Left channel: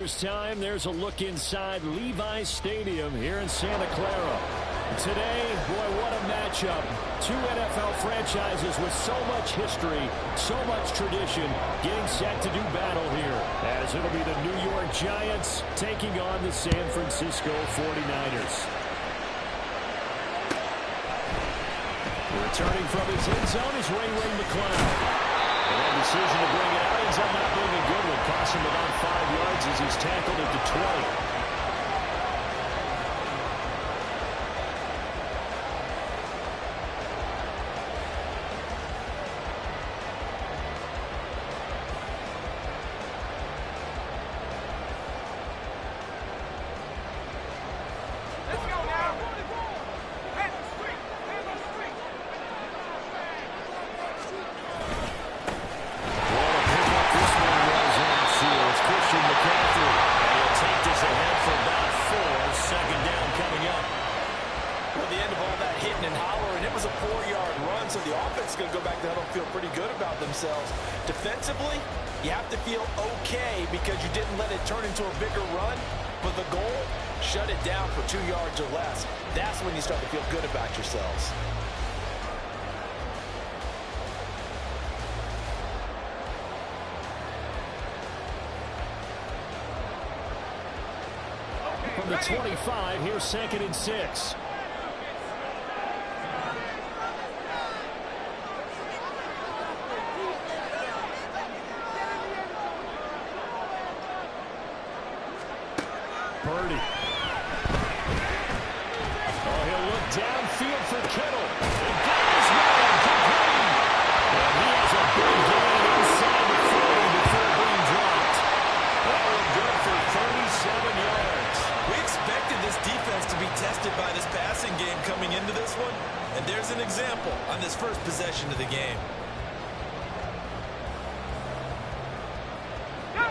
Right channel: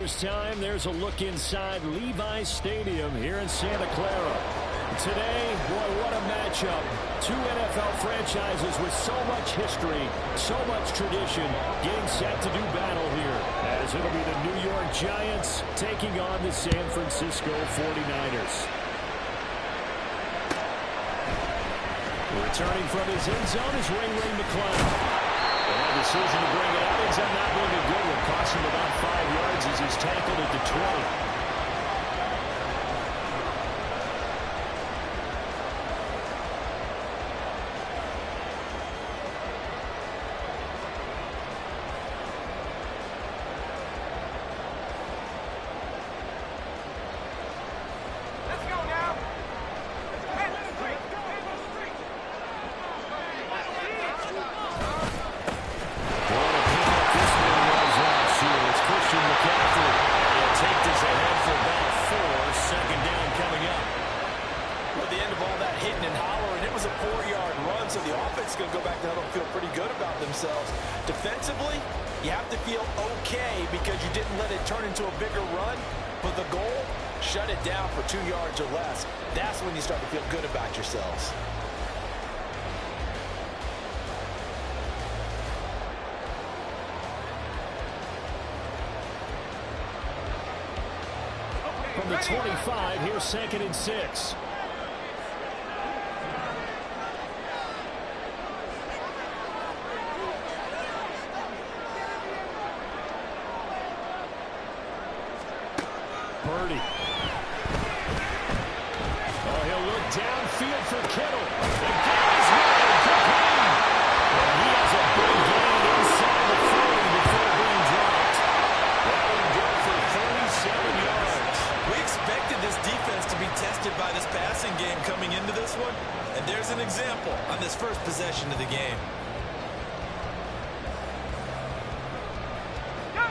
This time, there's a look inside Levi's Stadium here in Santa Clara. Today, boy, what a matchup. Two NFL franchises with so much history, so much tradition, getting set to do battle here, as it'll be the New York Giants taking on the San Francisco 49ers. Returning from his end zone is Ray McCloud. And that decision to bring it out ends up not being a good one. Cost him about 5 yards as he's tackled at the 20. Defensively, you have to feel okay because you didn't let it turn into a bigger run. But the goal, shut it down for 2 yards or less. That's when you start to feel good about yourselves. From the 25, here's 2nd and 6. Purdy. Oh, he'll look downfield for Kittle. And got his man complete. And he has a big gain inside the 40 before being dropped. That will go for 37 yards. We expected this defense to be tested by this passing game coming into this one. And there's an example on this first possession of the game.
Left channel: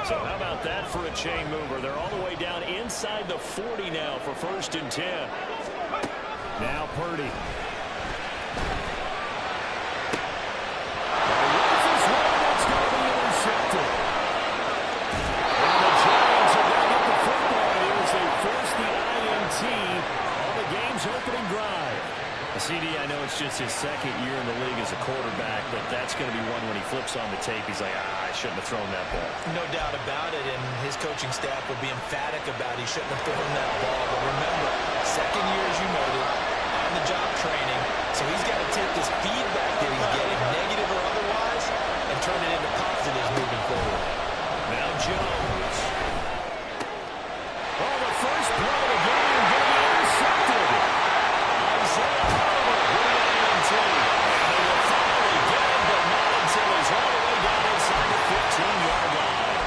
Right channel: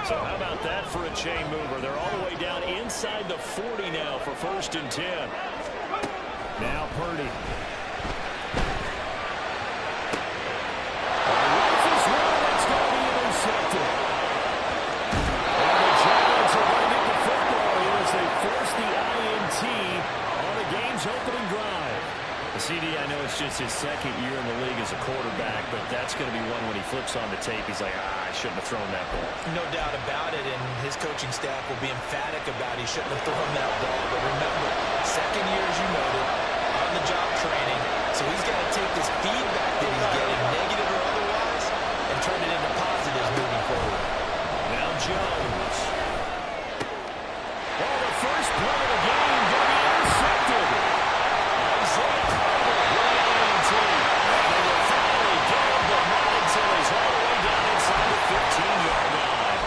So how about that for a chain mover? They're all the way down inside the 40 now for 1st and 10. Now Purdy. Rifles one, that's going to be intercepted. And the Giants are going to get the football here as they force the INT on the game's opening drive. CD, I know it's just his 2nd year in the league as a quarterback, but that's going to be one when he flips on the tape. He's like, I shouldn't have thrown that ball. No doubt about it, and his coaching staff will be emphatic about he shouldn't have thrown that ball. But remember, 2nd year, as you noted, on-the-job training, so he's got to take this feedback that he's getting, negative or otherwise, and turn it into positives moving forward. Now Jones. Oh, the first play of the game going to be intercepted. Isaiah Harvard with the INT. And they will finally get him, but not until he's all the way down inside the 15-yard line.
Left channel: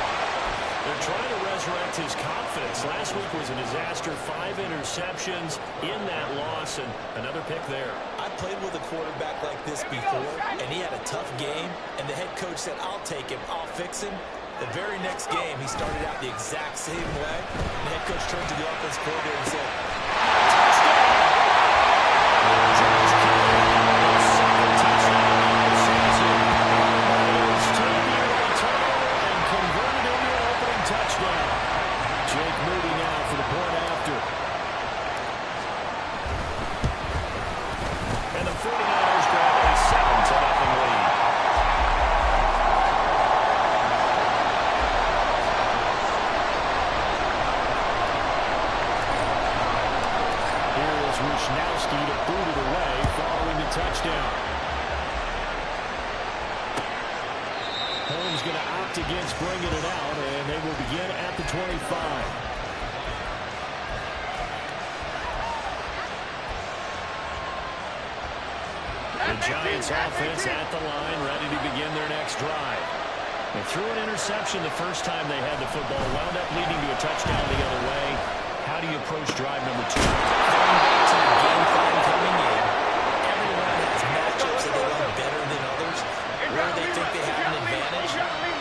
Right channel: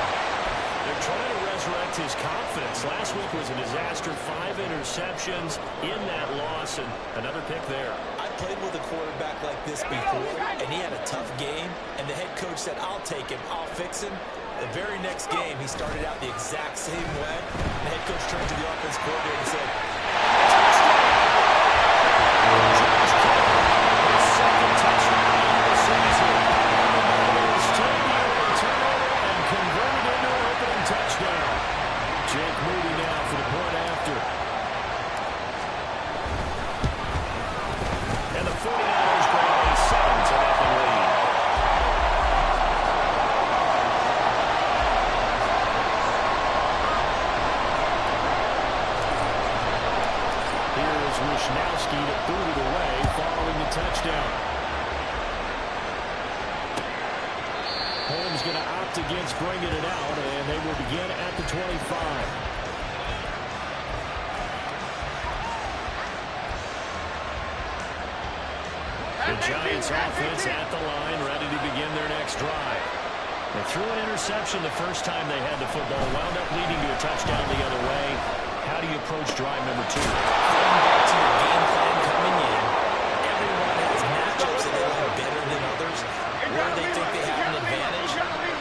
They're trying to resurrect his confidence. Last week was a disaster. 5 interceptions in that loss, and another pick there. I played with a quarterback like this before, and he had a tough game, and the head coach said, I'll take him, I'll fix him. The very next game, he started out the exact same way. The head coach turned to the offense coordinator and said, touchdown! George Kittle, his 2nd touchdown of the season. The Niners turned the early turnover and converted into an opening touchdown. Jake Moody now for the point after. And the 49ers grab a 7-0 lead. Wishnowski to boot it away following the touchdown. Holmes going to opt against bringing it out, and they will begin at the 25. The Giants offense at the line, ready to begin their next drive. They threw an interception the first time they had the football, wound up leading to a touchdown the other way. How do you approach drive number 2? Going back to your game plan coming in, everyone has matchups that they like better than others. Where they think they have an advantage,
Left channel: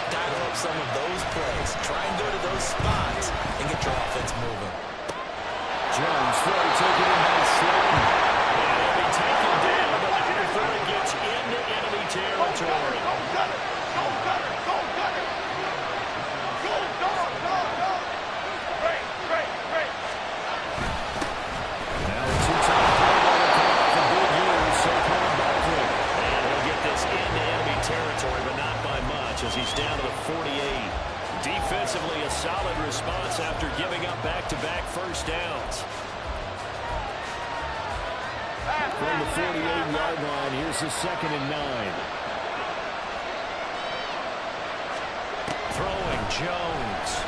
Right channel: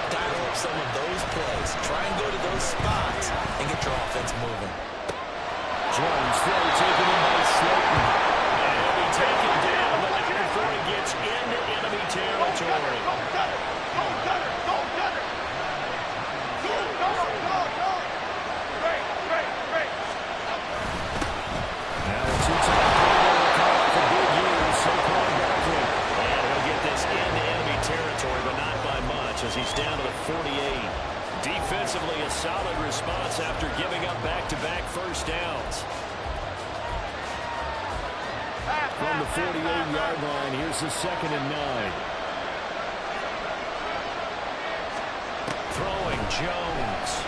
dial up some of those plays. Try and go to those spots and get your offense moving. Jones throw taken in by Slayton. And he'll be taken down, but not before he gets into enemy territory. Go, Gunner! Go, Gunner! Go, Gunner! Go, go, go, go! Finally, a solid response after giving up back-to-back first downs. From the 48-yard line, here's the 2nd and 9. Throwing Jones.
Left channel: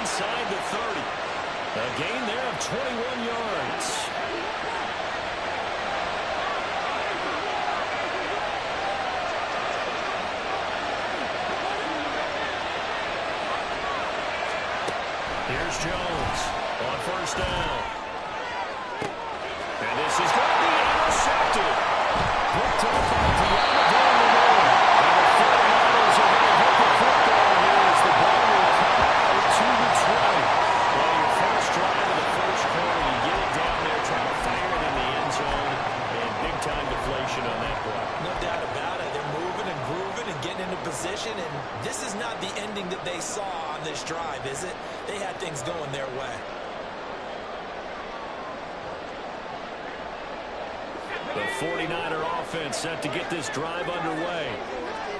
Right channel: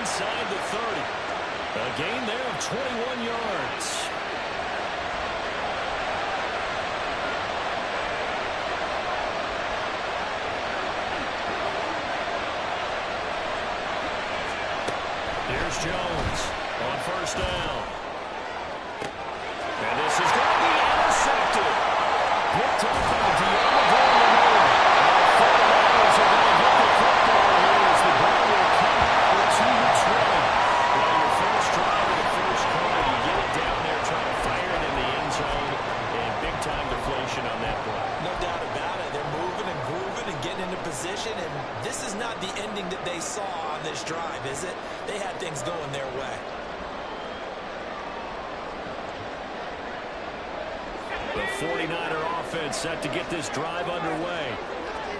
Inside the 30. A gain there of 21 yards. Here's Jones on first down. And this is going to be intercepted. Picked up by Deommodore Lenoir. And the 49ers are going to get the football here as the ball will come out to the 20. Well, your first drive of the first quarter, you get it down there, trying to fire it in the end zone, and big-time deflation on that play. No doubt about it. They're moving and grooving and getting into position, and this is not the ending that they saw on this drive, is it? They had things going their way. The 49er offense set to get this drive underway.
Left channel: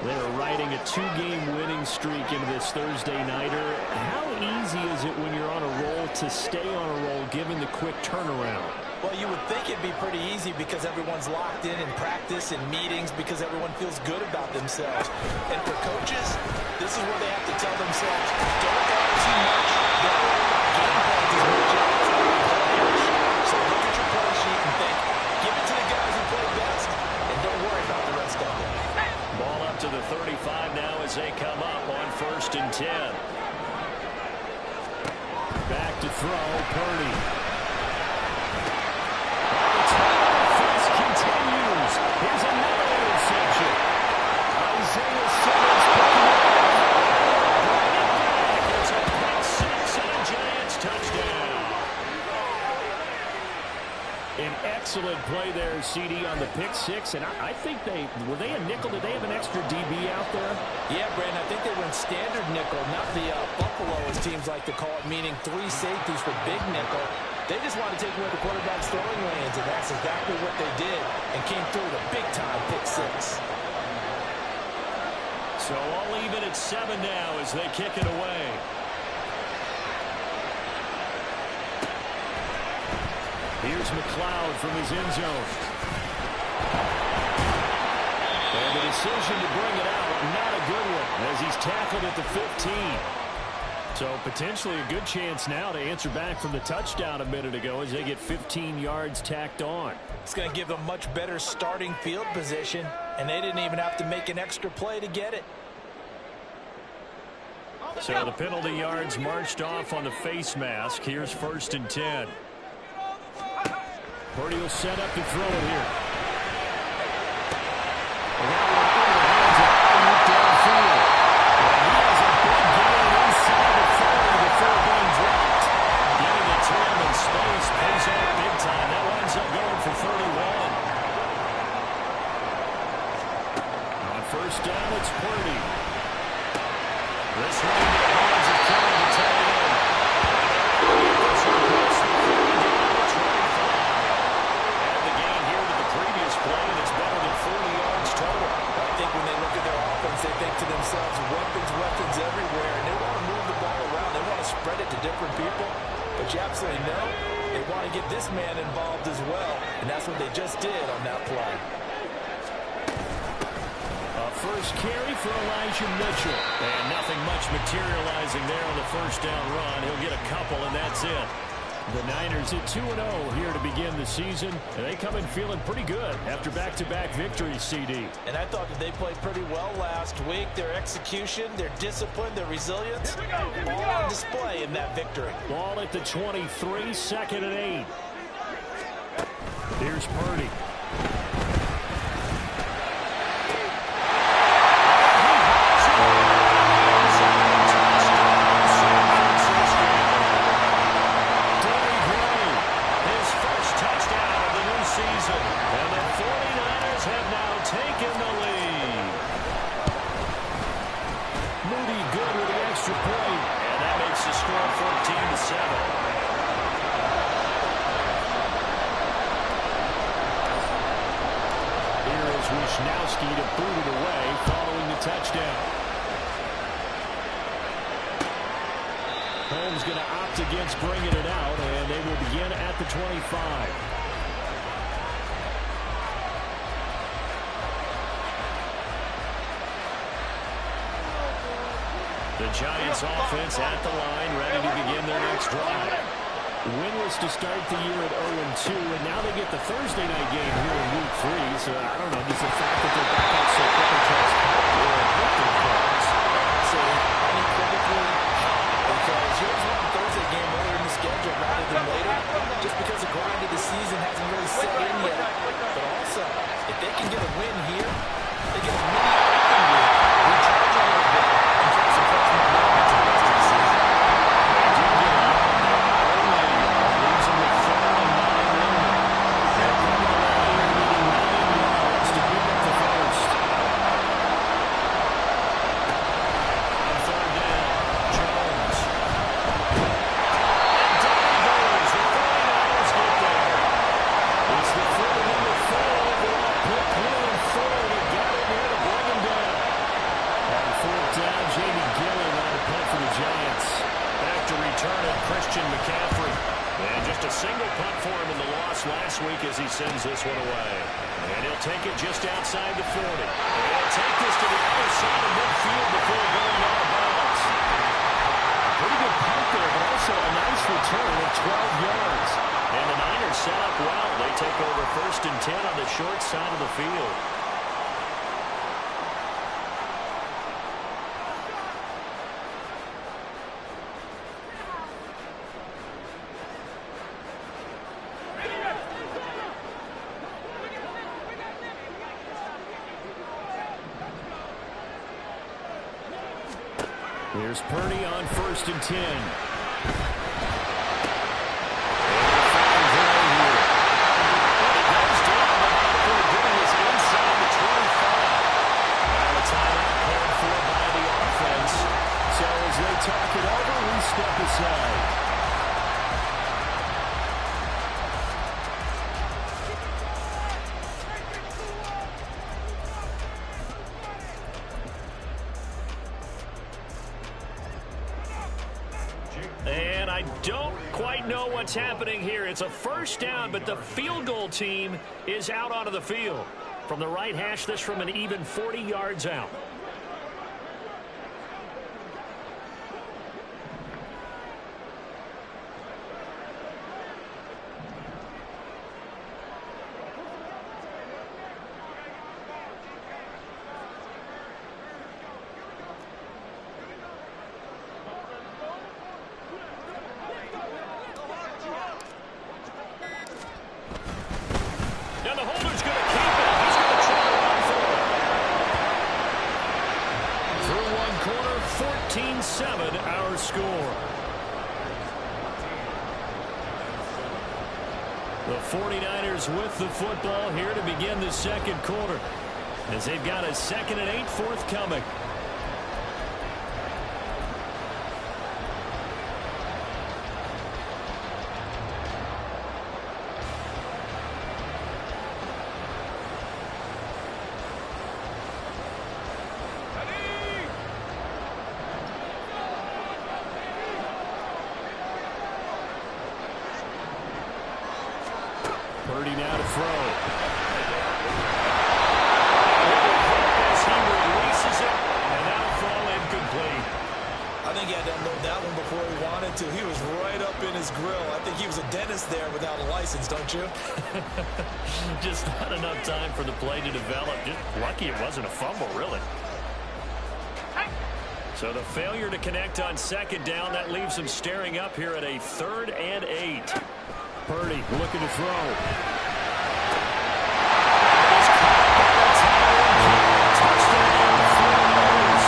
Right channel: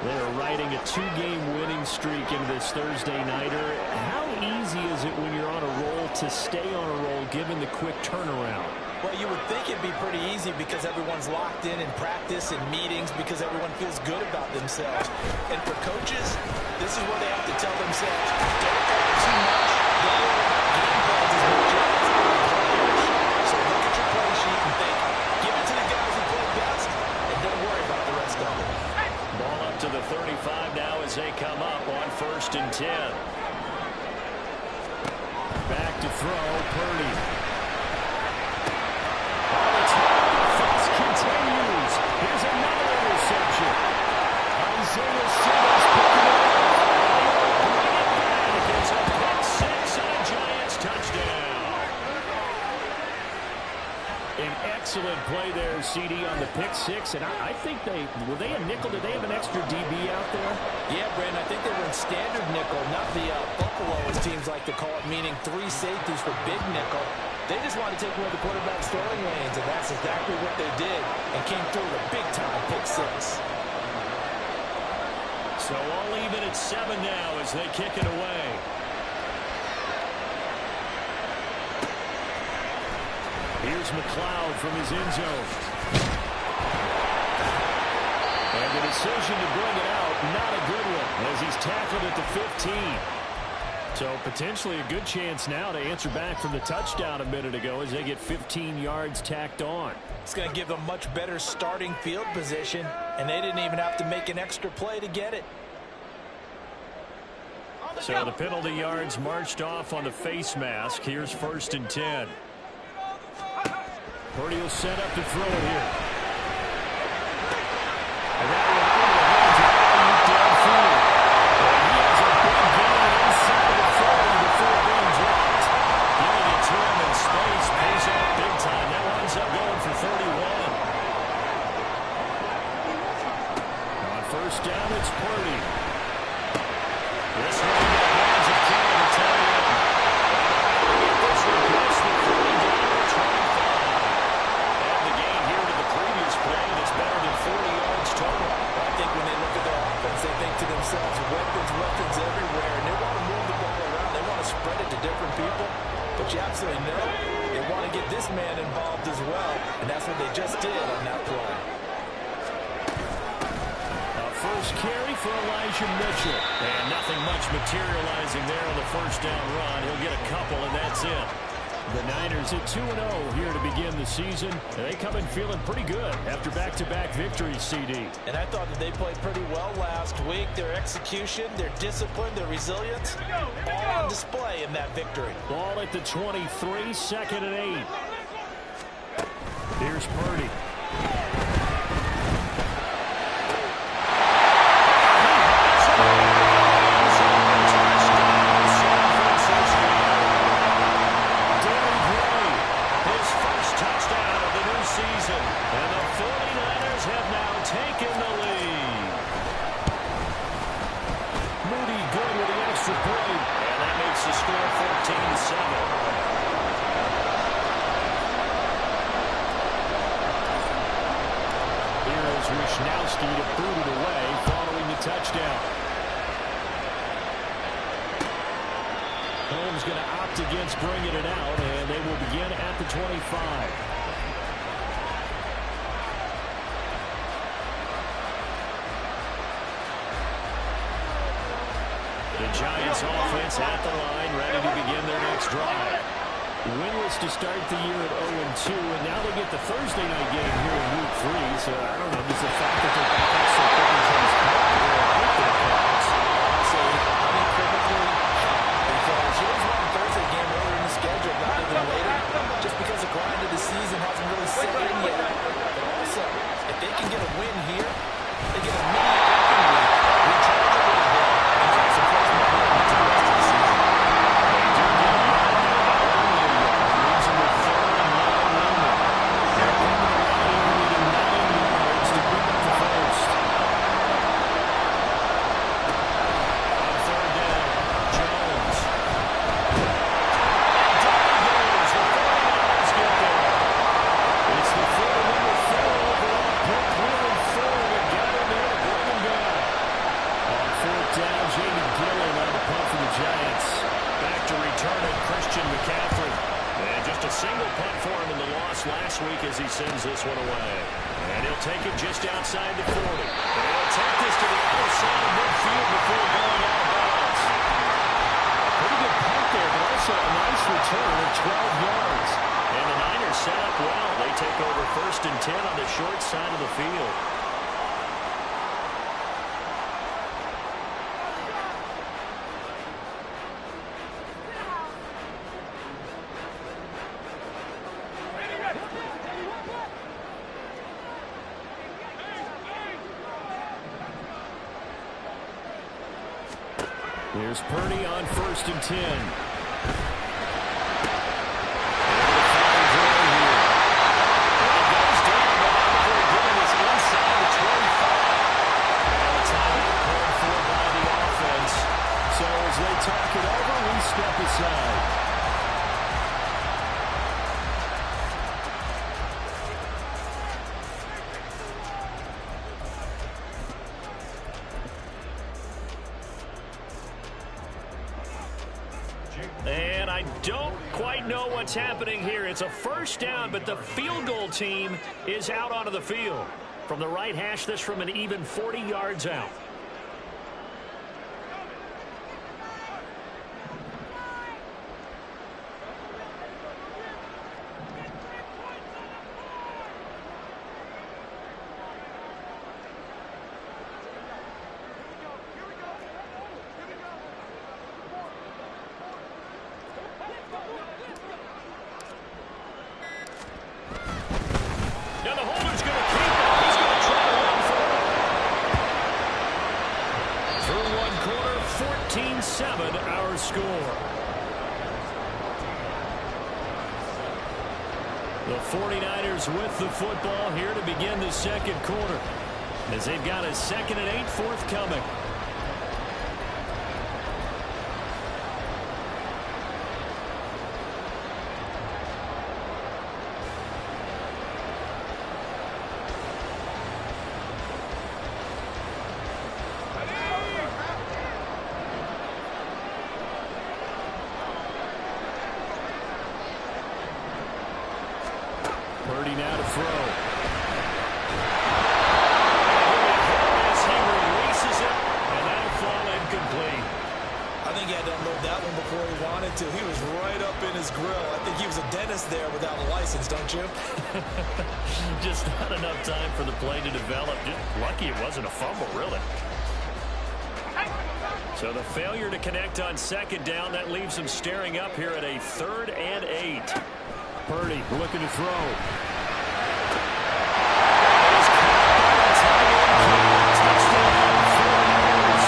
They're riding a 2-game winning streak into this Thursday nighter. How easy is it when you're on a roll to stay on a roll given the quick turnaround? Well, you would think it'd be pretty easy because everyone's locked in practice and meetings because everyone feels good about themselves. And for coaches, this is where they have to tell themselves, don't worry too much, don't worry about game plans as much as players. So look at your play sheet and think, give it to the guys who play best, and don't worry about the rest of it. Ball up to the 35 now as they come up on 1st and 10. Back to throw, Purdy. Oh, the turnover face continues. Here's another interception. Isaiah Simmons picking it up. Bring it back. It's a pick six and a Giants touchdown. An excellent play there, CD, on the pick six. And I think were they a nickel? Did they have an extra DB out there? Yeah, Brandon, I think they were in standard nickel, not the Buffalo, as teams like to call it, meaning 3 safeties for big nickel. They just wanted to take away the quarterback's throwing lanes, and that's exactly what they did, and came through with a big-time pick six. So all even at 7 now as they kick it away. Here's McLeod from his end zone. And the decision to bring it out, not a good one, as he's tackled at the 15. So potentially a good chance now to answer back from the touchdown a minute ago as they get 15 yards tacked on. It's going to give them much better starting field position, and they didn't even have to make an extra play to get it. So the penalty yards marched off on the face mask. Here's 1st and 10. Purdy will set up to throw it here. And that one into the hands of Ayuk downfield. And he has a big gain inside the 40 before being dropped. Giving it to him in space pays off big time. That winds up going for 31. On 1st down, it's Purdy. This one into the hands of Kittle, the tight end. And this one puts the 30 down to 25. And the gain here to the previous play, and it's better than 40 yards total. I think when they look at their offense, they think to themselves, weapons everywhere, and they want to move the ball around. They want to spread it to different people. But you absolutely know they want to get this man involved as well, and that's what they just did on that play. First carry for Elijah Mitchell. And nothing much materializing there on the 1st down run. He'll get a couple, and that's it. The Niners at 2-0 here to begin the season. And they come in feeling pretty good after back-to-back victories, CD. And I thought that they played pretty well last week. Their execution, their discipline, their resilience, all on display in that victory. Ball at the 23, 2nd and 8. Here's Purdy. Season, and the 49ers have now taken the lead. Moody good with the extra point, and that makes the score 14-7. Here is Wisnowski to boot it away following the touchdown. Holmes going to opt against bringing it out, and they will begin at the 25. The Giants offense at the line, ready to begin their next drive. Winless to start the year at 0-2, and now they get the Thursday night game here in Week 3. So, I don't know, does the fact that they're back out so quick and Charles help or hurt their cause? I'd say unequivocally help, because you always want a Thursday game earlier in the schedule rather than later, just because the grind of the season hasn't really set in yet. But also, if they can get a win here, they get a mini open week, recharge a little bit, and carry some fresh momentum into the rest of the season. They do get a yard there, but only a yard. Leaves them with 3rd and 9 remaining. They're coming around here needing 9 yards to pick up the first. On 3rd down, Jones. And down he goes. The 49ers get there. It's the foot of number 4 overall pick, Cleveland Ford, that got in there to bring him down. On 4th down, Jamie Gillen on the punt for the Giants. Back to return it, Christian McCaffrey. And just a single punt for him in the loss last week as he sends this one away. And he'll take it just outside the 40. And he'll take this to the other side of midfield before going out of bounds. A pretty good punt there, but also a nice return of 12 yards. And the Niners set up well. They take over 1st and 10 on the short side of the field. Here's Purdy on 1st and 10. And the final drive here. And it goes down, but now before getting this inside the 25. Now a timeout called for by the offense. So as they talk it over, we step aside. And I don't quite know what's happening here. It's a 1st down, but the field goal team is out onto the field. From the right hash, this from an even 40 yards out. Now the holder's going to keep it. He's going to try to run for it. Through one quarter, 14-7 our score. The 49ers with the football here to begin the 2nd quarter, as they've got a 2nd and 8 forthcoming. Purdy now to throw. And he'll be hit as he releases it, and that'll fall incomplete. I think he had to unload that one before he wanted to. He was right up in his grill. I think he was a dentist there without a license, don't you? Just not enough time for the play to develop. Just lucky it wasn't a fumble, really. So the failure to connect on 2nd down, that leaves him staring up here at a 3rd and 8. Purdy looking to throw. That is caught by the tight end. Touchdown, 49ers.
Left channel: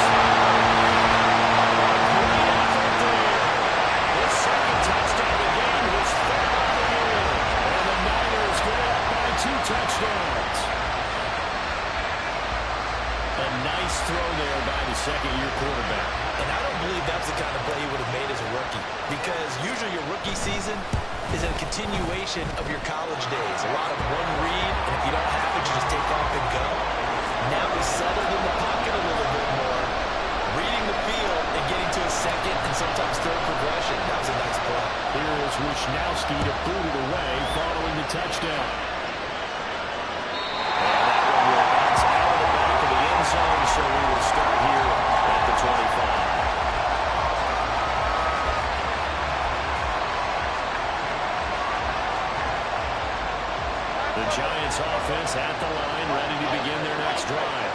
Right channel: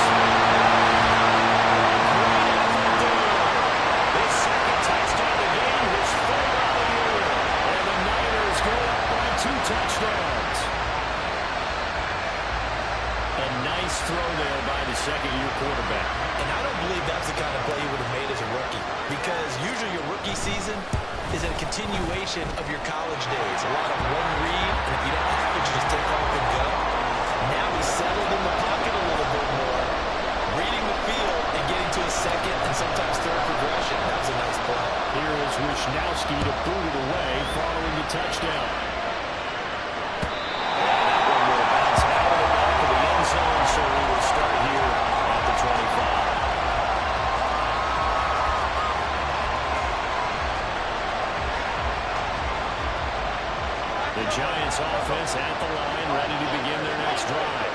A great effort there. His 2nd touchdown of the game, his 3rd on the year. And the Niners go up by 2 touchdowns. A nice throw there by the 2nd-year quarterback. And I don't believe that's the kind of play he would have made as a rookie, because usually your rookie season is a continuation of your college days. A lot of one read, and if you don't have it, to just take off and go. Now he's settled in the pocket a little bit more, reading the field and getting to a second and sometimes third progression. That was a nice play. Here is Wishnowski to boot it away following the touchdown. And that one will bounce out of the back of the end zone, so we will start here at the 25. The Giants offense at the line, ready to begin their next drive.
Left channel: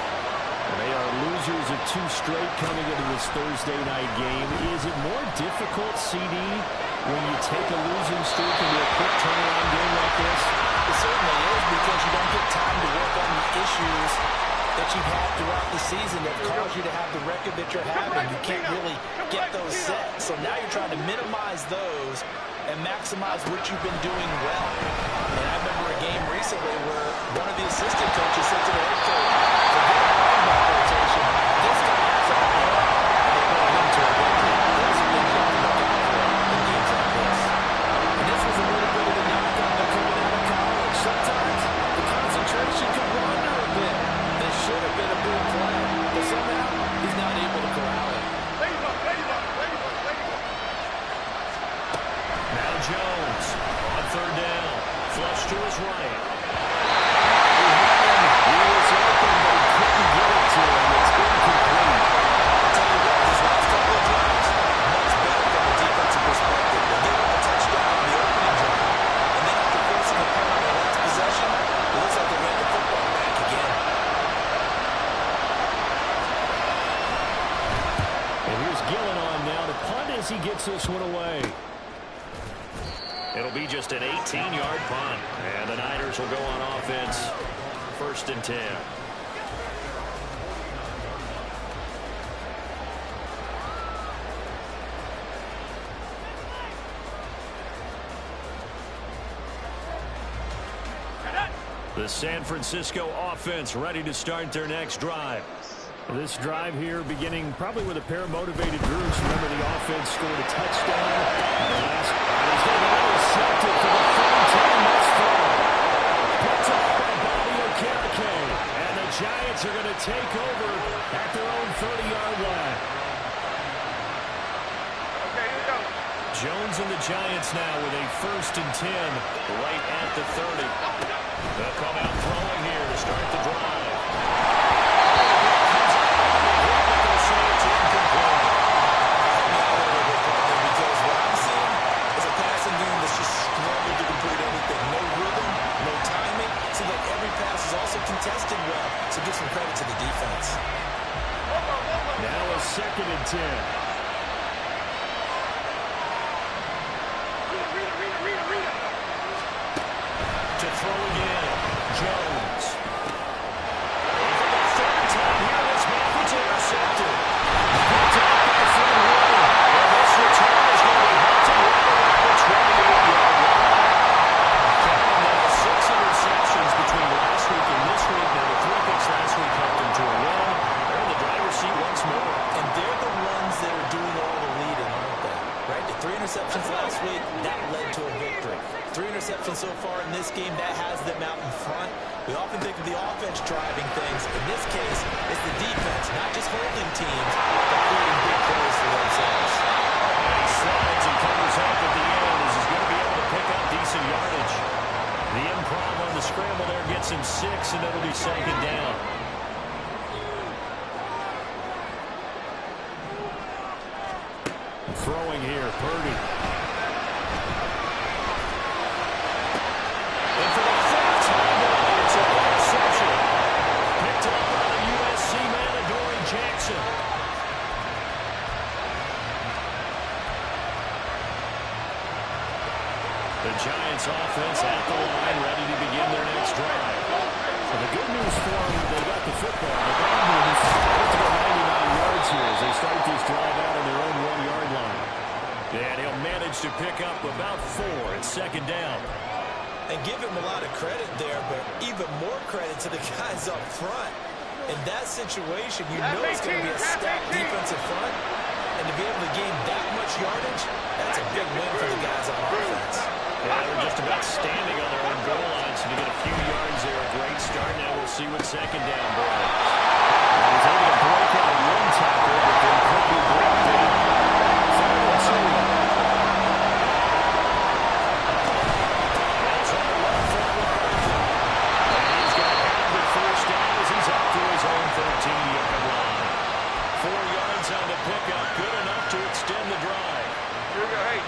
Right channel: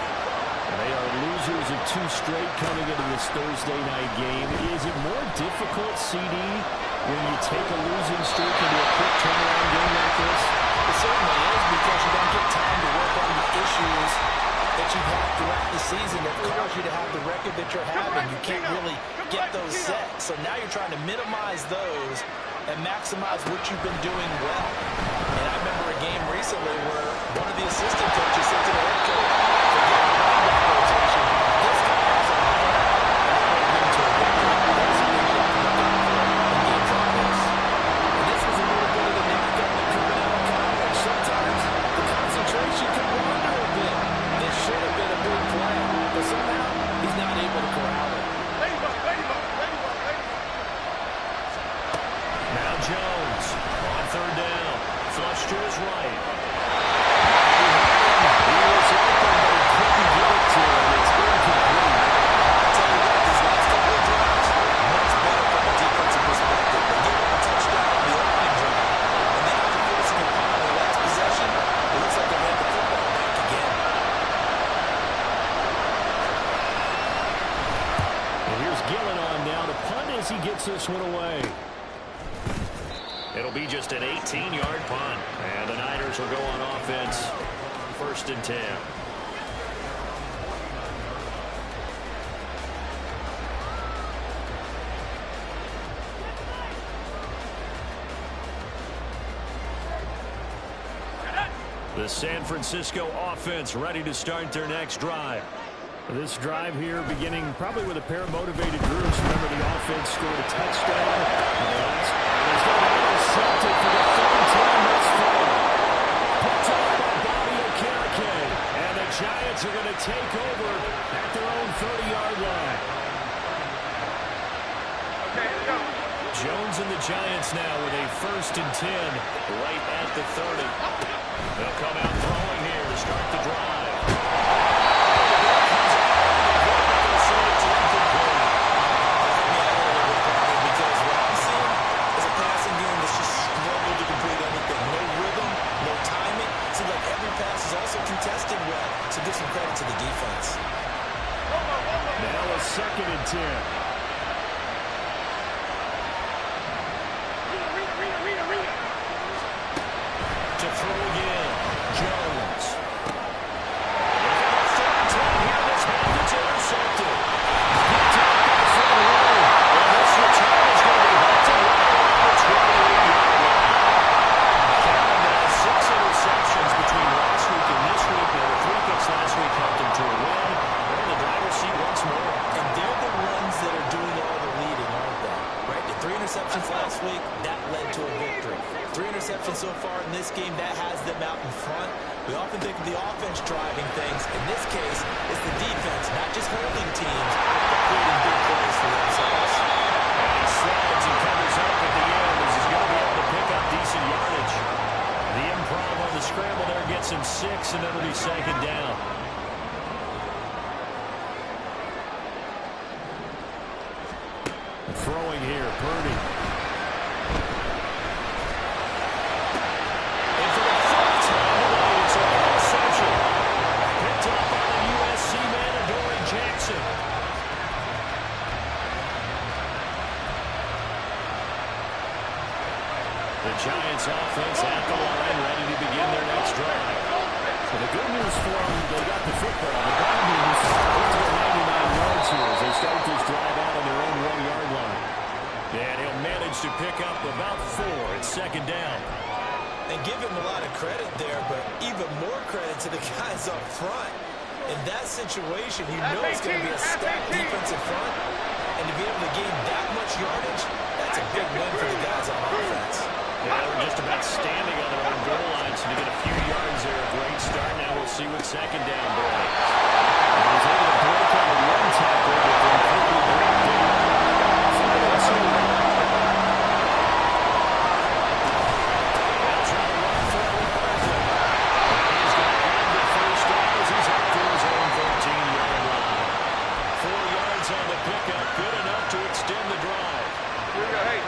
And they are losers of 2 straight coming into this Thursday night game. Is it more difficult, CD, when you take a losing streak into a quick turnaround game like this? It certainly is, because you don't get time to work on the issues that you've had throughout the season that caused you to have the record that you're having. You can't really get those set. So now you're trying to minimize those and maximize what you've been doing well. And I remember a game recently where one of the assistant coaches said to the head coach, forget the running back rotation. This guy has a plan, and they bring him to a victory. Those are things you have to look out for in games like this. And this was a little bit of the knock on them coming out of college. Sometimes the concentration can wander a bit. This should have been a big play, but somehow he's not able to corral it. Now Jones on third down. Flush to his right. He was open, but he couldn't get it to him. It's incomplete. I'll tell you what, these last couple of drives, much better from a defensive perspective. They gave up a touchdown on the opening drive, and then after forcing a punt on their last possession, it looks like they ran the football back again. And here's Gillen on now to punt as he gets this one away. It'll be just an 18-yard punt. And the Niners will go on offense. 1st and 10. The San Francisco offense ready to start their next drive. This drive here beginning probably with a pair of motivated groups. Remember, the offense scored a touchdown in the last, and he's going to be intercepted for the 3rd time thus far. Picked off by Bobby Okereke, and the Giants are going to take over at their own 30-yard line. Okay, here we go. Jones and the Giants now with a 1st and 10 right at the 30. They'll come out throwing here to start the drive. Pass is also contested well, so give some credit to the defense. Now a 2nd and 10. Read. To throw again, Jones. And for the 3rd time here this half, it's intercepted. Picked up by Fred Warner. And this return is going to be halted right around the 28-yard line. Count now 6 interceptions between last week and this week. Now the 3 picks last week helped them to a win. They're in the driver's seat once more. And they're the ones that are doing all the leading, aren't they? Right? The 3 interceptions last week, that led to a victory. 3 interceptions so far in this game, that has them out in front. We often think of the offense driving things. In this case, it's the defense, not just holding teams, but creating big plays for themselves. And he slides and covers up at the end as he's going to be able to pick up decent yardage. The improv on the scramble there gets him 6, and it'll be 2nd down. Throwing here, Purdy. And for the 4th time tonight, it's an interception. Picked up by the USC man, Adoree Jackson. The Giants offense at the line, ready to begin their next drive. So the good news for them, they got the football. The bad news, they have to go 99 yards here as they start this drive out on their own 1-yard line. And he'll manage to pick up about 4 at 2nd down. And give him a lot of credit there, but even more credit to the guys up front. In that situation, you know it's going to be a stacked defensive front. And to be able to gain that much yardage, that's a big win for the guys on offense. Yeah, they were just about standing on their own goal line, so to get a few yards there, a great start. Now see what second down brings. And he's able to break out one tackle, but then quickly brought down. 3rd and 2. They'll try to run for it with Barkley. And he's going to have the first down as he's up to his own 13-yard line. 4 yards on the pickup, good enough to extend the drive. Here we go, hey.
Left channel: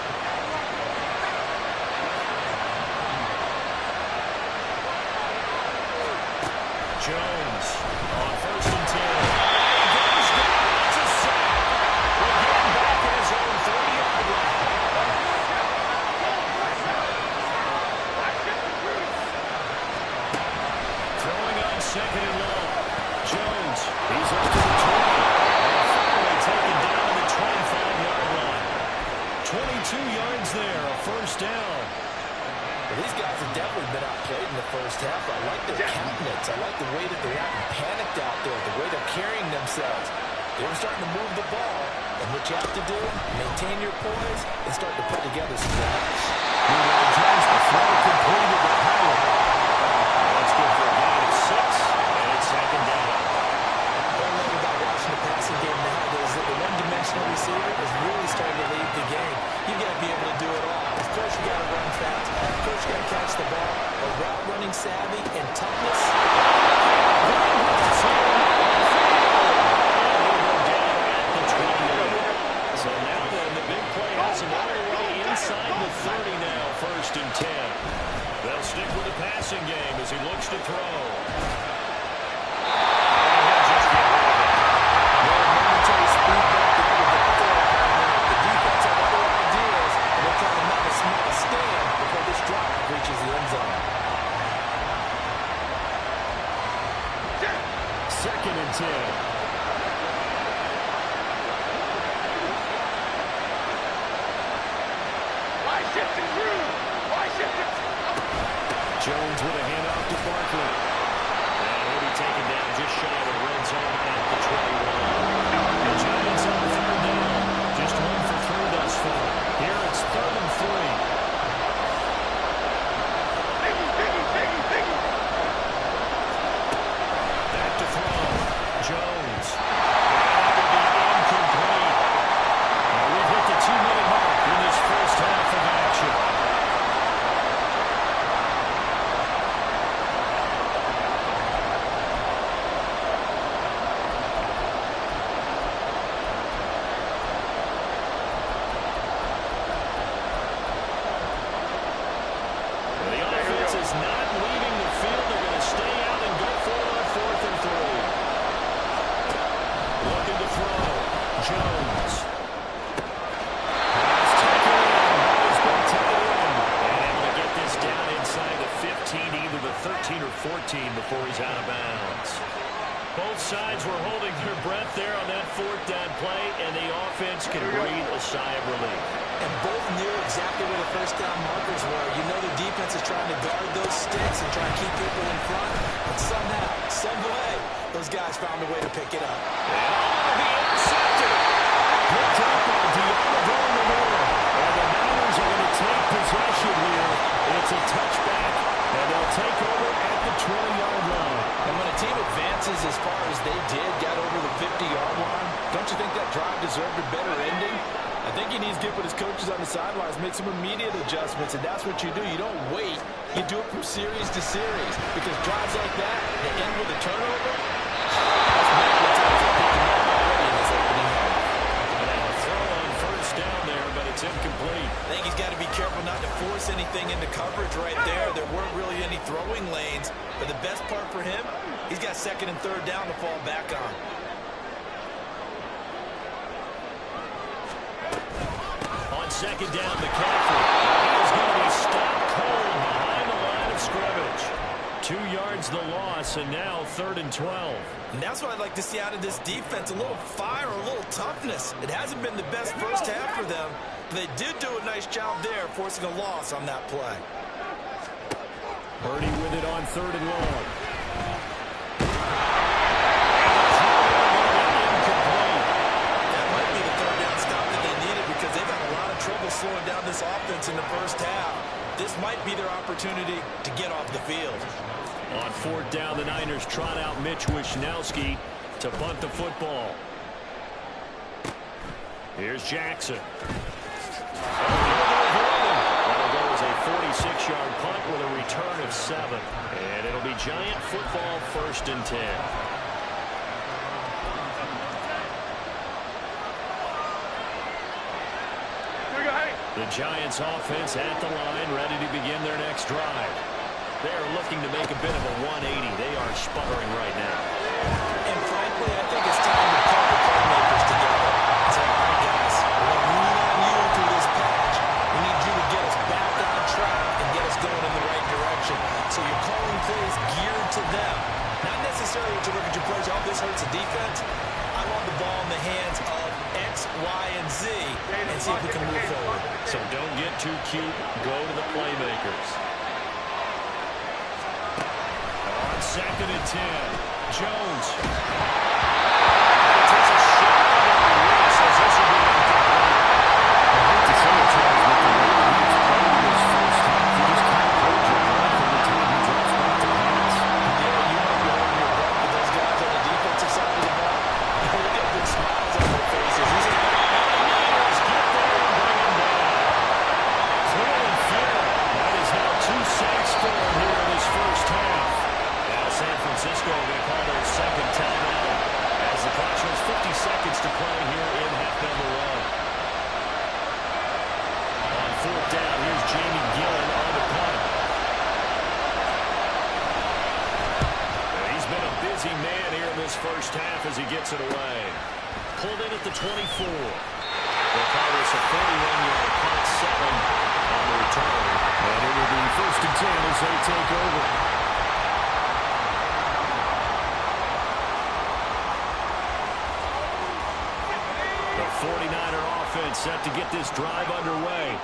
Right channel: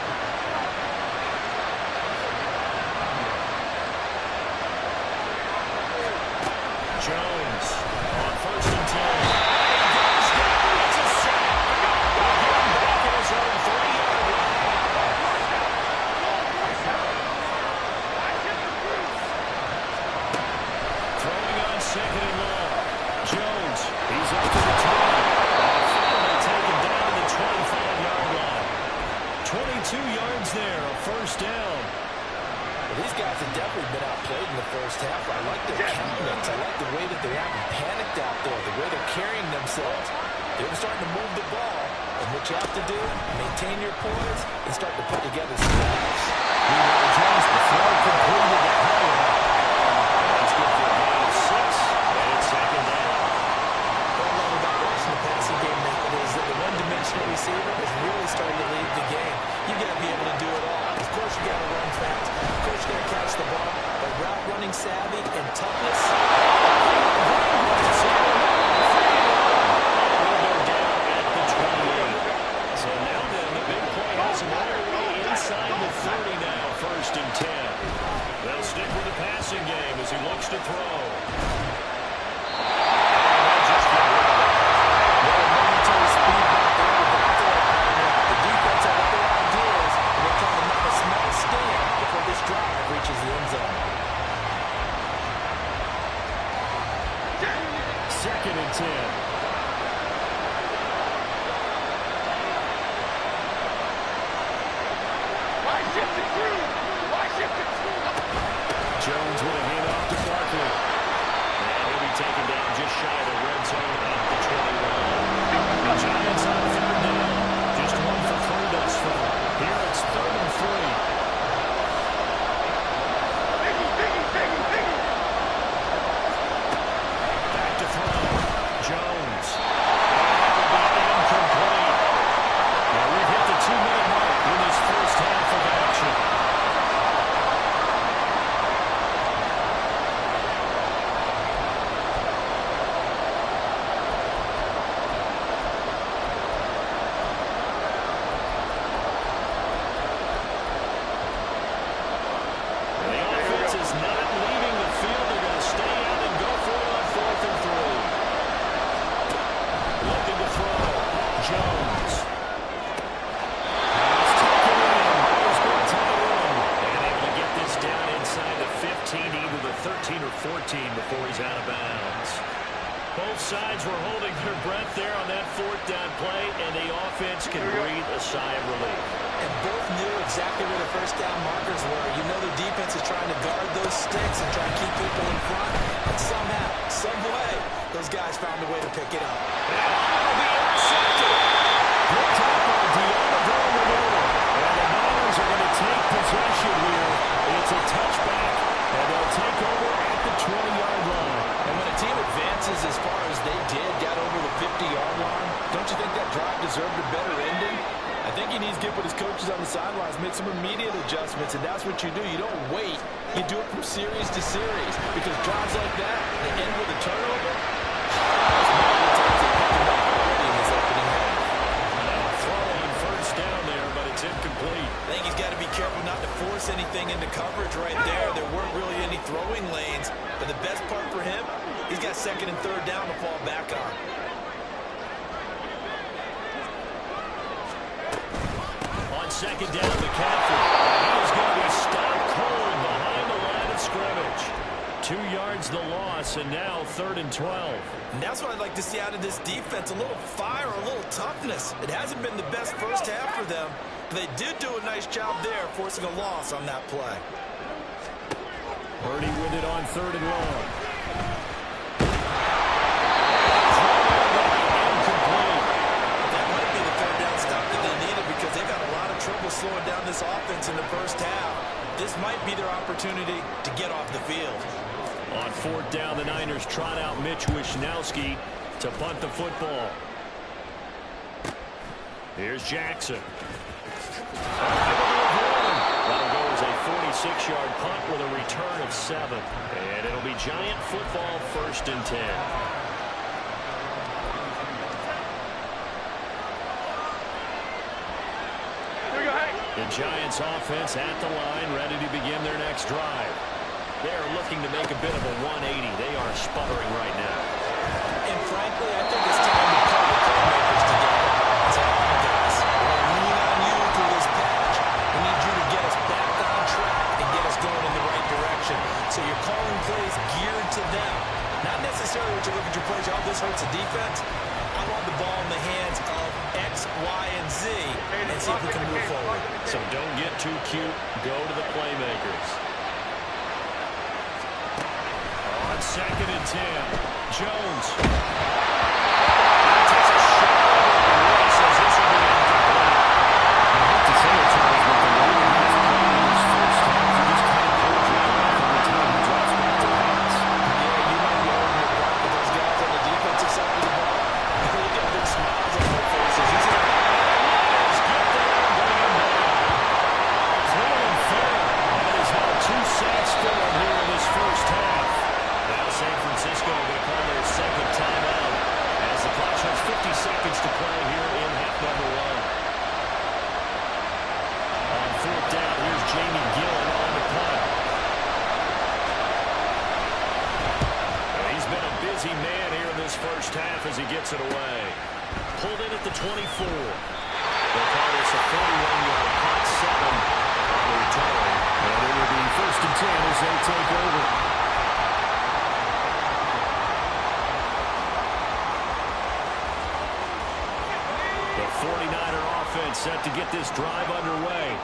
Jones on 1st and 10. And he goes down. It's a sack. We'll get him back at his own 3-yard line. Throwing on 2nd and long. Jones, he's up to the 20. And finally taken down to the 25-yard line. 22 yards there, a first down. Well, these guys have definitely been outplayed in the first half. I like their countenance. I like the way that they haven't panicked out there, the way they're carrying themselves. They were starting to move the ball, and what you have to do, maintain your poise and start to put together some drives. Meanwhile, Jones, the throw completed to Howard. That's good for a gain of 6, and it's 2nd down. What I love about watching the passing game nowadays is that the one-dimensional receiver is really starting to lead the game. You got to be able to do it all. Of course, you got to run fast. Of course, you got to catch the ball. But route running savvy and toughness. So now then, the big play has him all the way inside the 30 now, 1st and 10. They'll stick with the passing game as he looks to throw. And he'll just get rid of it. Well, a momentary speed bump there with the third partner. The defense had other ideas, and they're trying to mount a small stand before this drive reaches the end zone. 2nd and 10. Jones with a handoff to Barkley. And he'll be taken down just shy of the red zone at the 21. The Giants on 3rd down. Just 1 for 3 thus far. Here it's 3rd and 3. Back to throw. Jones. And that will be incomplete. Now we've hit the 2-minute mark in this first half of action. Not leaving the field. They're going to stay out and go for it on 4th and 3. Looking to throw. Jones. Pass taken in. He's been tied in. And able to get this down inside the 15, either the 13 or 14 before he's out of bounds. Both sides were holding their breath there on that 4th down play, and the offense can breathe a sigh of relief. And both knew exactly where the first down markers were. You know the defense is trying to guard those sticks and try to keep people in front. And somehow, some way, those guys found a way to pick it up. And it'll be intercepted. Picked up by Deommodore Lenoir. And the Niners are going to take possession here. It's a touchback, and they'll take over at the 20-yard line. And when a team advances as far as they did, got over the 50-yard line, don't you think that drive deserved a better ending? I think he needs to get with his coaches on the sidelines, make some immediate adjustments, and that's what you do. You don't wait. You do it from series to series, because drives like that, they end with a turnover. That's multiple times they picked him up already in this opening half. And now a throw on 1st down there, but it's incomplete. I think he's got to be careful not to force anything into coverage right there. There weren't really any throwing lanes, but the best part for him, he's got 2nd and 3rd down to fall back on. On 2nd down, McCaffrey. He is going to be stopped cold behind the line of scrimmage. 2 yards the loss, and now 3rd and 12. And that's what I'd like to see out of this defense, a little fire, a little toughness. It hasn't been the best first half for them, but they did do a nice job there, forcing a loss on that play. Purdy with it on 3rd and long. That might be the 3rd down stop that they needed, because they've had a lot of trouble slowing down this offense in the first half. this might be their opportunity to get off the field. On 4th down, the Niners trot out Mitch Wishnowsky to punt the football. Here's Jackson. That'll go as a 46-yard punt with a return of 7. And it'll be Giant football 1st and 10. The Giants offense at the line, ready to begin their next drive. They are looking to make a bit of a 180. They are sputtering right now. And frankly, I think it's time to pull the playmakers together. Say, all right, guys, we're going to lean on you through this patch. We need you to get us back on track and get us going in the right direction. So you're calling plays geared to them. Not necessarily what you look at your plays, oh, this hurts the defense. I want the ball in the hands of X, Y, and Z and see if we can move forward. So don't get too cute. Go to the playmakers. On 2nd and 10, Jones. And he takes a shot on the release as this will be incomplete. I hate to say it, Charles, but the way that he was playing in his first half, you just can't hold your breath every time he drops back to pass. Yeah, you might be holding your breath, but those guys on the defensive side of the ball, they get big smiles on their faces. He's in. And the Niners get there and bring him down. Cleveland fair. That is now 2 sacks for him here in this first half. Now San Francisco going to call their 2nd timeout as the clock shows 50 seconds to play here in half number 1. On 4th down, here's Jamie Gillen on the punt. He's been a busy man here in this first half as he gets it away. Pulled in at the 24. They'll call this a 41-yard punt, 7 on the return. And it will be 1st and 10 as they take over. The 49er offense set to get this drive underway.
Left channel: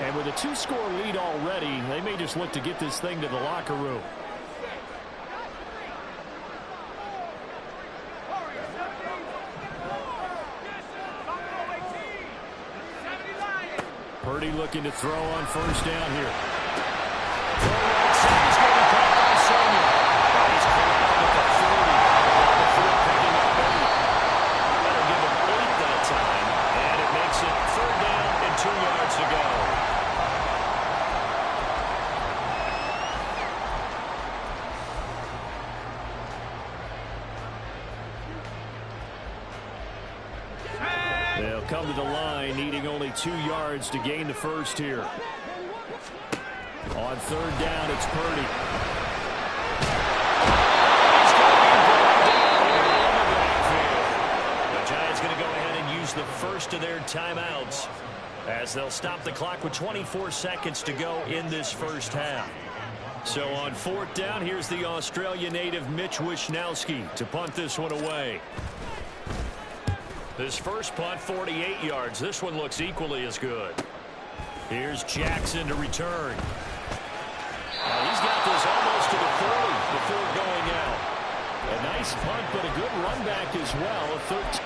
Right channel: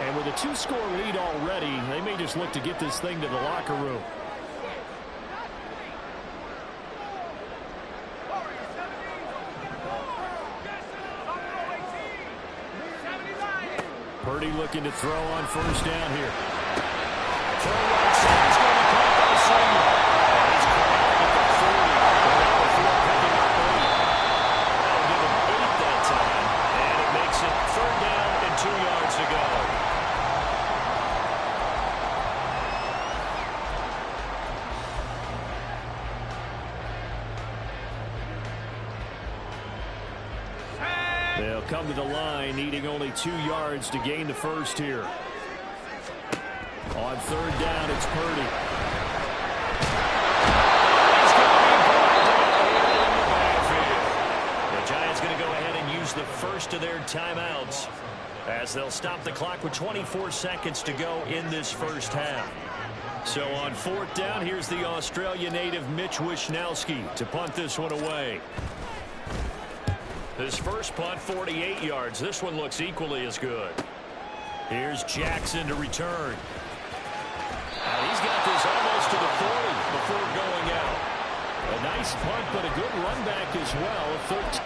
And with a 2-score lead already, they may just look to get this thing to the locker room. Purdy looking to throw on 1st down here. Throw right side. He's going to be caught by Sonia. He's corralled at the 40. Without before picking up 8. That'll give him 8 that time. And it makes it 3rd down and 2 yards to go. They'll come to the line, needing only 2 yards to gain the first here. On 3rd down, it's Purdy. He's going to be brought down here in the backfield. The Giants going to go ahead and use the first of their timeouts as they'll stop the clock with 24 seconds to go in this first half. So on 4th down, here's the Australia native Mitch Wishnowsky to punt this one away. His first punt, 48 yards. This one looks equally as good. Here's Jackson to return. Now he's got this almost to the 40 before going out. A nice punt, but a good run back as well. 13.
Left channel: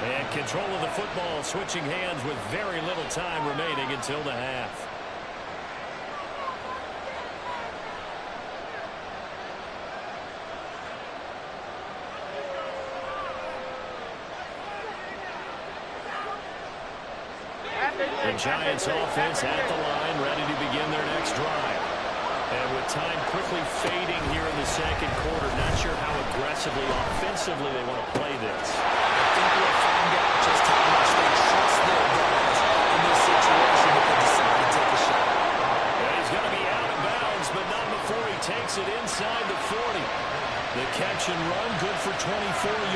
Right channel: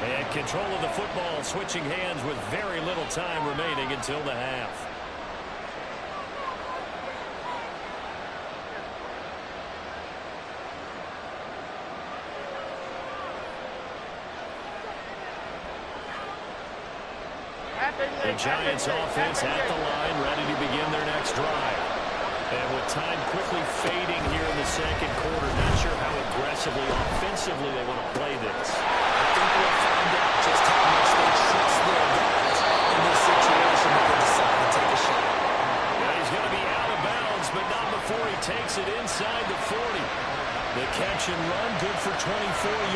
And control of the football, switching hands with very little time remaining until the half. The Giants offense at the line, ready to begin their next drive. And with time quickly fading here in the second quarter, not sure how aggressively, offensively they want to play this. I think we'll find out just how much they trust their guys in this situation if they decide to take a shot. Yeah, he's going to be out of bounds, but not before he takes it inside the 40. The catch and run, good for 24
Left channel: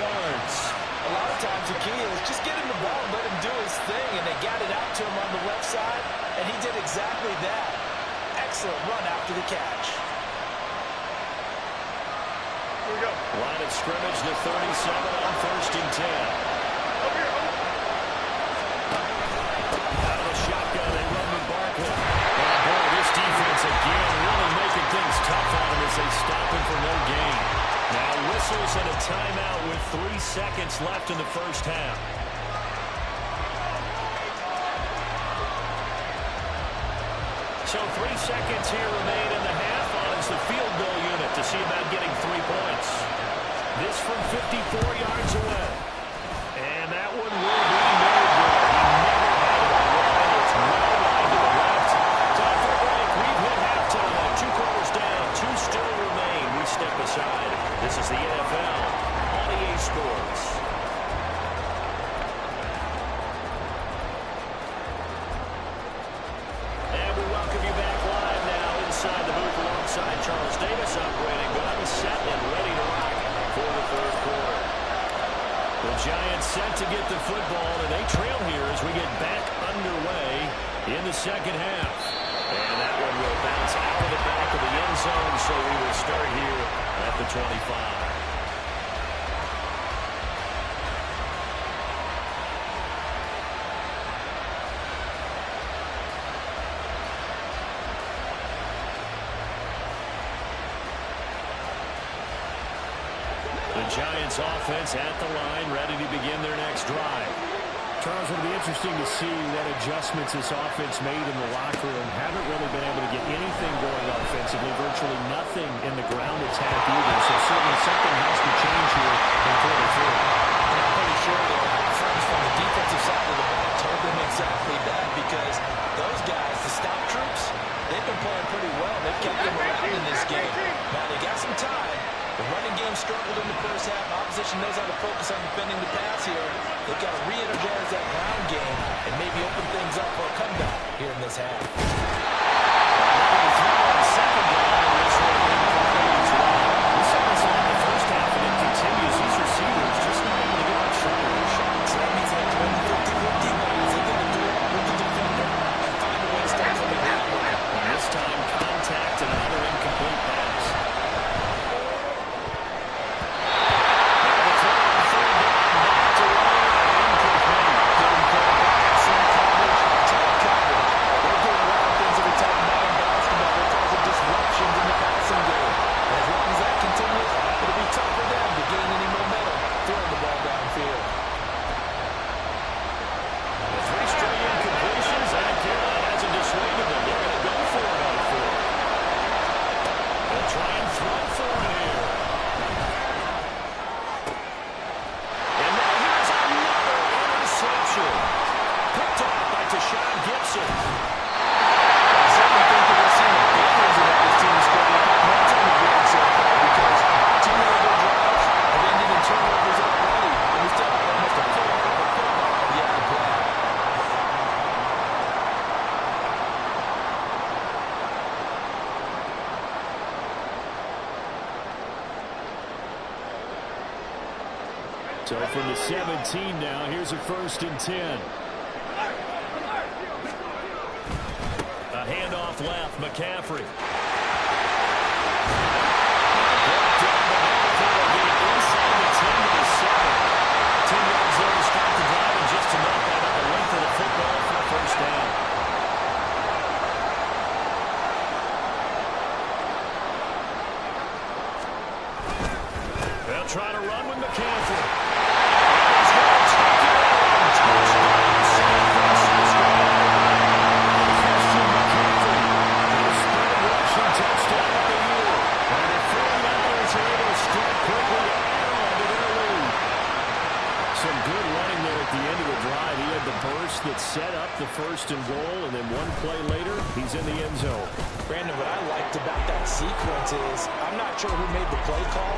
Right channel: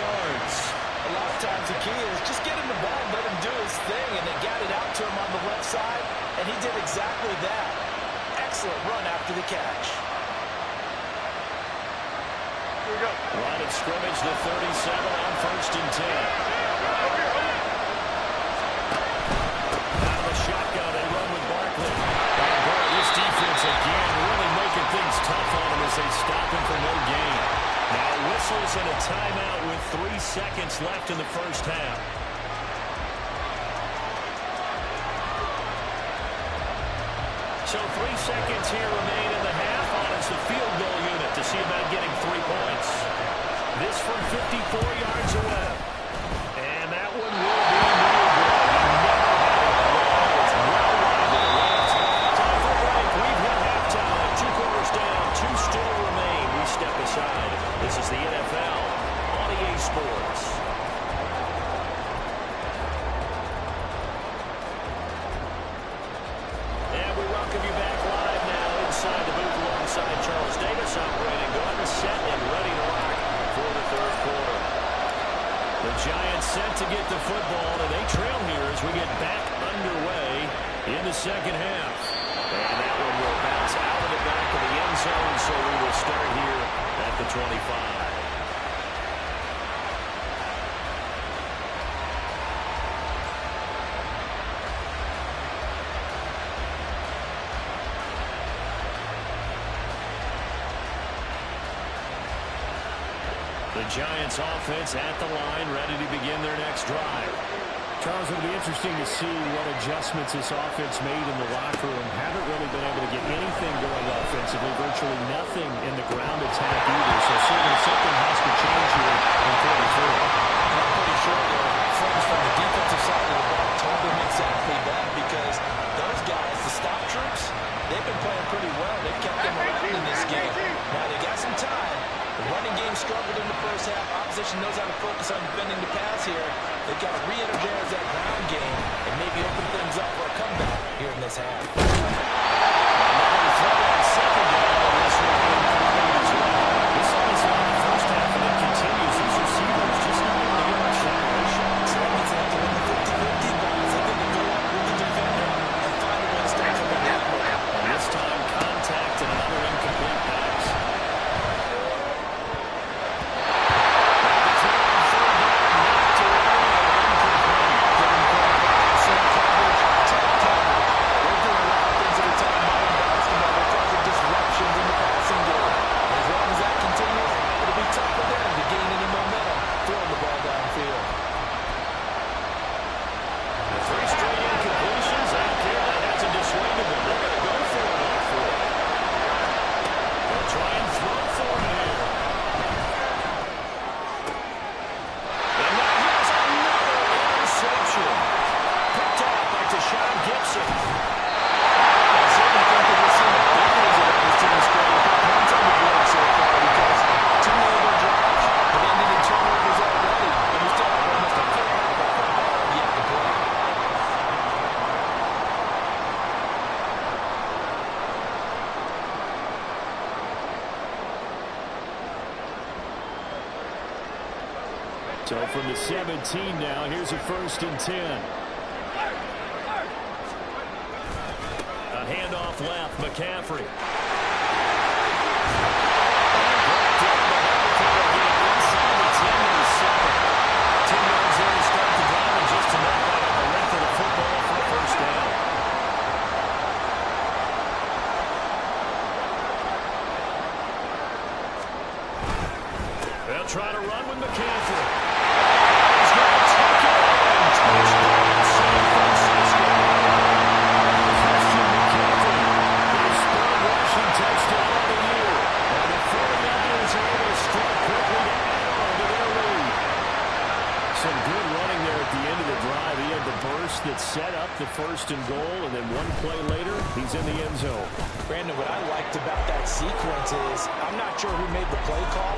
yards. A lot of times the key is just get him the ball and let him do his thing, and they got it out to him on the left side, and he did exactly that. Excellent run after the catch. Here we go. Line of scrimmage, the 37 on 1st and 10. Over here, over. Out of the shotgun, they run with Barkley. And boy, this defense again really making things tough on him as they stop him for no gain. Now whistles and a timeout with 3 seconds left in the first half. So 3 seconds here remain in the half on as the field goal unit to see about getting 3 points. This from 54 yards away. And that one will be no good. He never had it on line. It's well wide to the left. Time for a break. We've hit halftime. 2 quarters down. 2 still remain. We step aside. This is the NFL on EA Sports. And we welcome you back live now inside the booth alongside Charles Davis. I'm Brandon Gaudin, set and ready to rock for the third quarter. The Giants set to get the football, and they trail here as we get back underway in the second half. And that one will bounce out of the back of the end zone, so we will start here at the 25. The Giants offense at the line, ready to begin their next drive. Charles, it'll be interesting to see what adjustments this offense made in the locker room. Haven't really been able to get anything going offensively, virtually nothing in the ground attack either. So certainly something has to change here in quarter 3. And I'm pretty sure their friends from the defensive side of the ball told them exactly that, because those guys, the stop troops, they've been playing pretty well. They've kept them around in this game. Now they got some time. The running game struggled in the first half. Opposition knows how to focus on defending the pass here. They've got to re-energize that ground game and maybe open things up for a comeback here in this half. Another throw on second down, and this one incomplete as well. We saw this in the first half, and it continues. These receivers just not able to get much separation. So that means they have to win the 50-50 balls. They get to go up with the defender and find a way to start coming that way. And this time, contact and another incomplete pass. So from the 17 now, here's a 1st and 10. A handoff left, McCaffrey. They'll try to run with McCaffrey. He's going to take it in. Touchdown, San Francisco. Christian McCaffrey, his 3rd rushing touchdown of the year. And the 49ers are able to strike quickly to add on to their lead. Some good running there at the end of the drive. He had the burst that set up the 1st and goal, and then one play later, he's in the end zone. Brandon, what I liked about that sequence is, I'm not sure who made the play call,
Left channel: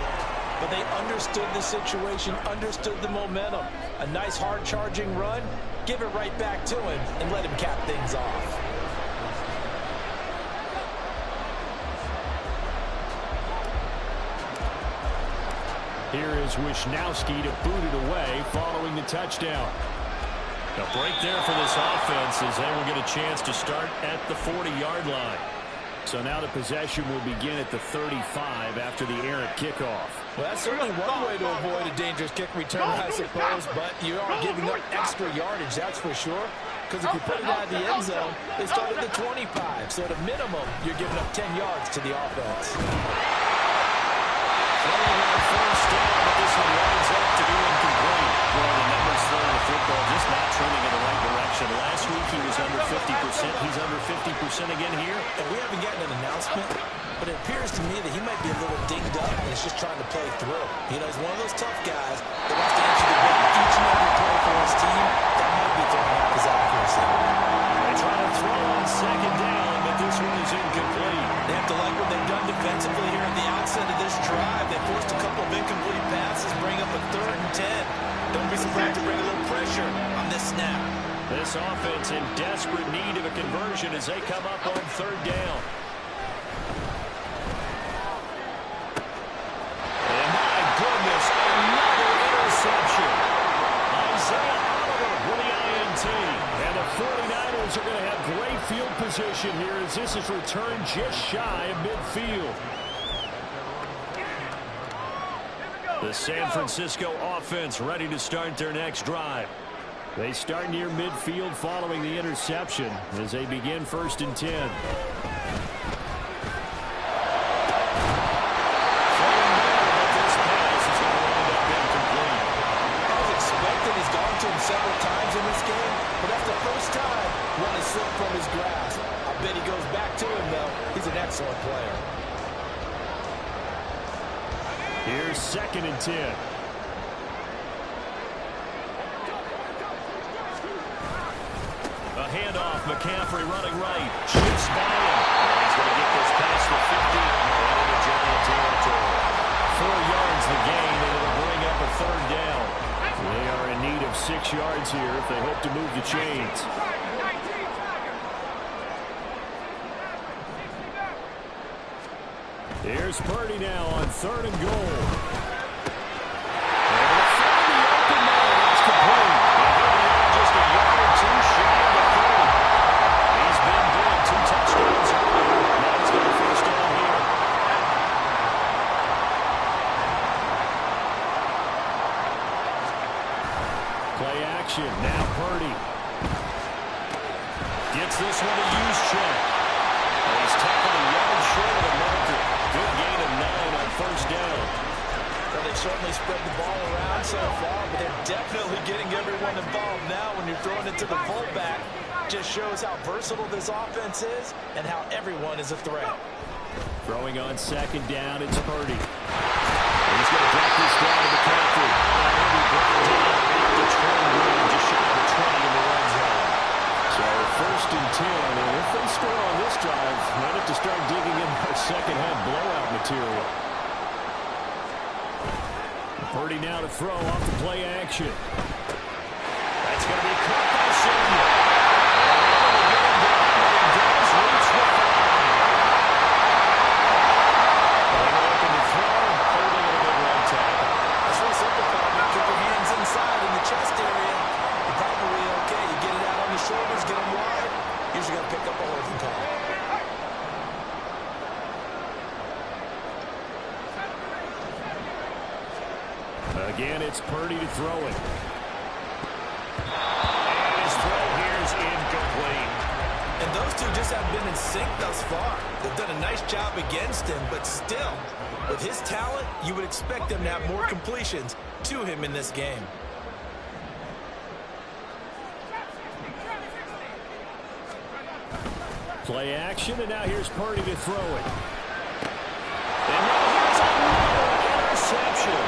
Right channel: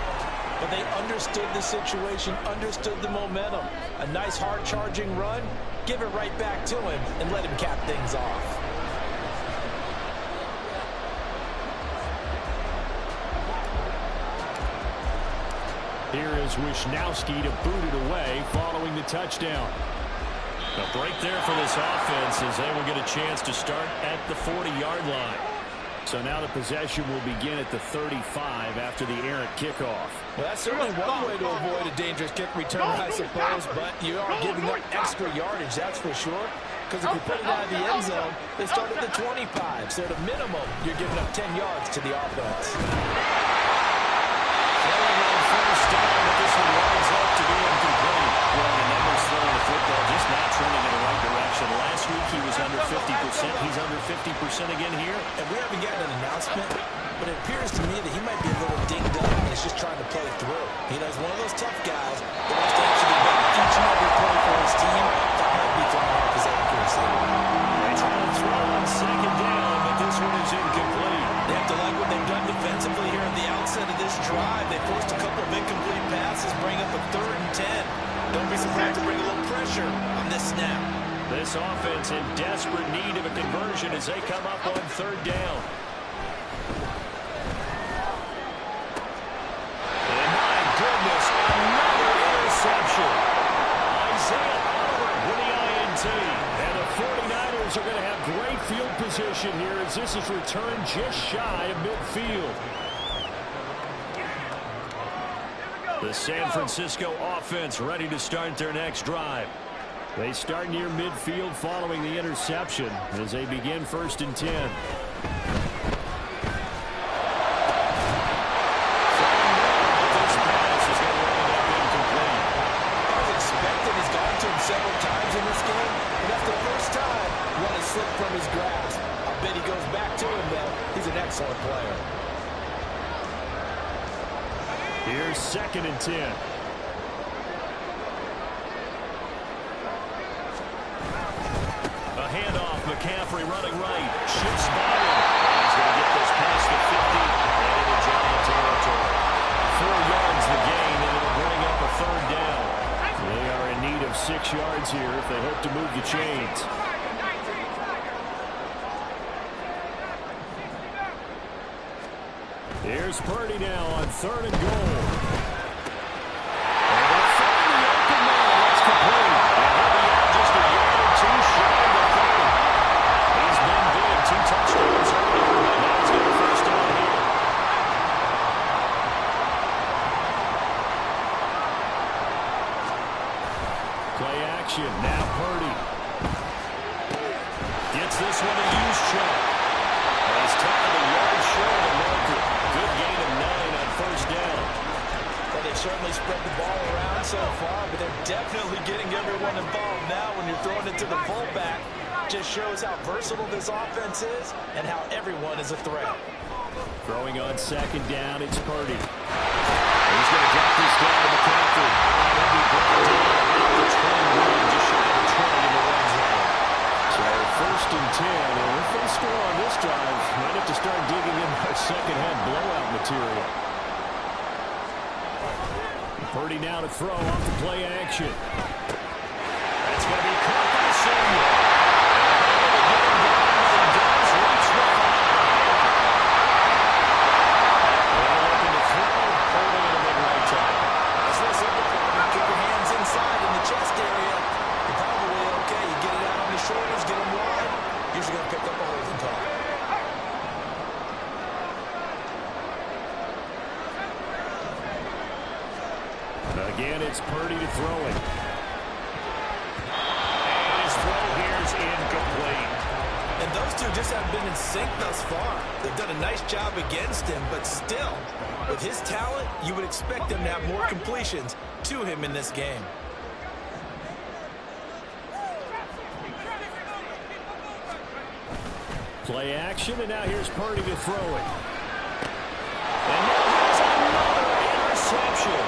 but they understood the situation, understood the momentum. A nice hard-charging run, give it right back to him, and let him cap things off. Here is Wisnowski to boot it away following the touchdown. A break there for this offense as they will get a chance to start at the 40-yard line. So now the possession will begin at the 35 after the errant kickoff. Well, that's certainly one way to avoid a dangerous kick return, I suppose, but you are giving up extra yardage, that's for sure. Because if you put it out of the end zone, they start at the 25. So at a minimum, you're giving up 10 yards to the offense. Playing on first down, but this one winds up to be incomplete. Well, the numbers throwing the football just not trending in the right direction. Last week he was under 50%. He's under 50% again here. And we haven't gotten an announcement, but it appears to me that he might be a little dinged up and is just trying to play through. You know, he's one of those tough guys that wants to answer the bell each and every play for his team. That might be throwing off his accuracy. They try to throw on second down, but this one is incomplete. They have to like what they've done defensively here at the outset of this drive. They forced a couple of incomplete passes, bring up a 3rd and 10. Don't be surprised to bring a little pressure on this snap. This offense in desperate need of a conversion as they come up on 3rd down. And my goodness, another interception. Isaiah Oliver with the INT. And the 49ers are going to have great field position here as this is returned just shy of midfield. The San Francisco offense ready to start their next drive. They start near midfield following the interception as they begin 1st and 10. He's gone to him several times in this game, but that's the first time one has slipped from his grasp. I bet he goes back to him, though. He's an excellent player. Here's 2nd and 10. A handoff, McCaffrey running right, shifts by him, and he's going to get this past the 50 and into Giant territory. 4 yards the gain, and it'll bring up a 3rd down. They are in need of 6 yards here if they hope to move the chains. Here's Purdy now on 3rd and goal. And they'll find the open man. That's complete. And he'll be out just a yard or 2 shy of the 30. He's been big. 2 touchdowns earlier. Now he's got a 1st down here. Play action. Now Purdy. Gets this one a use check. And he's tackled a yard short of the marker. Good gain of 9 on 1st down. Well, they've certainly spread the ball around so far, but they're definitely getting everyone involved now when you're throwing it to the fullback. Just shows how versatile this offense is and how everyone is a threat. Throwing on 2nd down, it's Purdy. He's going to drop this down to McCaffrey. Now he'll be brought down at the 21, just shy of the 20 in the red zone. So 1st and 10, and if they score on this drive, might have to start digging in our second-half blowout material. Purdy now to throw off the play action. That's going to be caught by Samuel. And able to get him down, but he does reach the 5. They were looking to throw, holding it a big right tackle. That's real simple, partner. Keep your hands inside in the chest area. You're probably okay. You get it out on the shoulders, get them wide. Usually going to pick up a holding call. Again, it's Purdy to throw it. And his throw here is incomplete. And those two just haven't been in sync thus far. They've done a nice job against him, but still, with his talent, you would expect them to have more completions to him in this game. Play action, and now here's Purdy to throw it. And now here's another interception.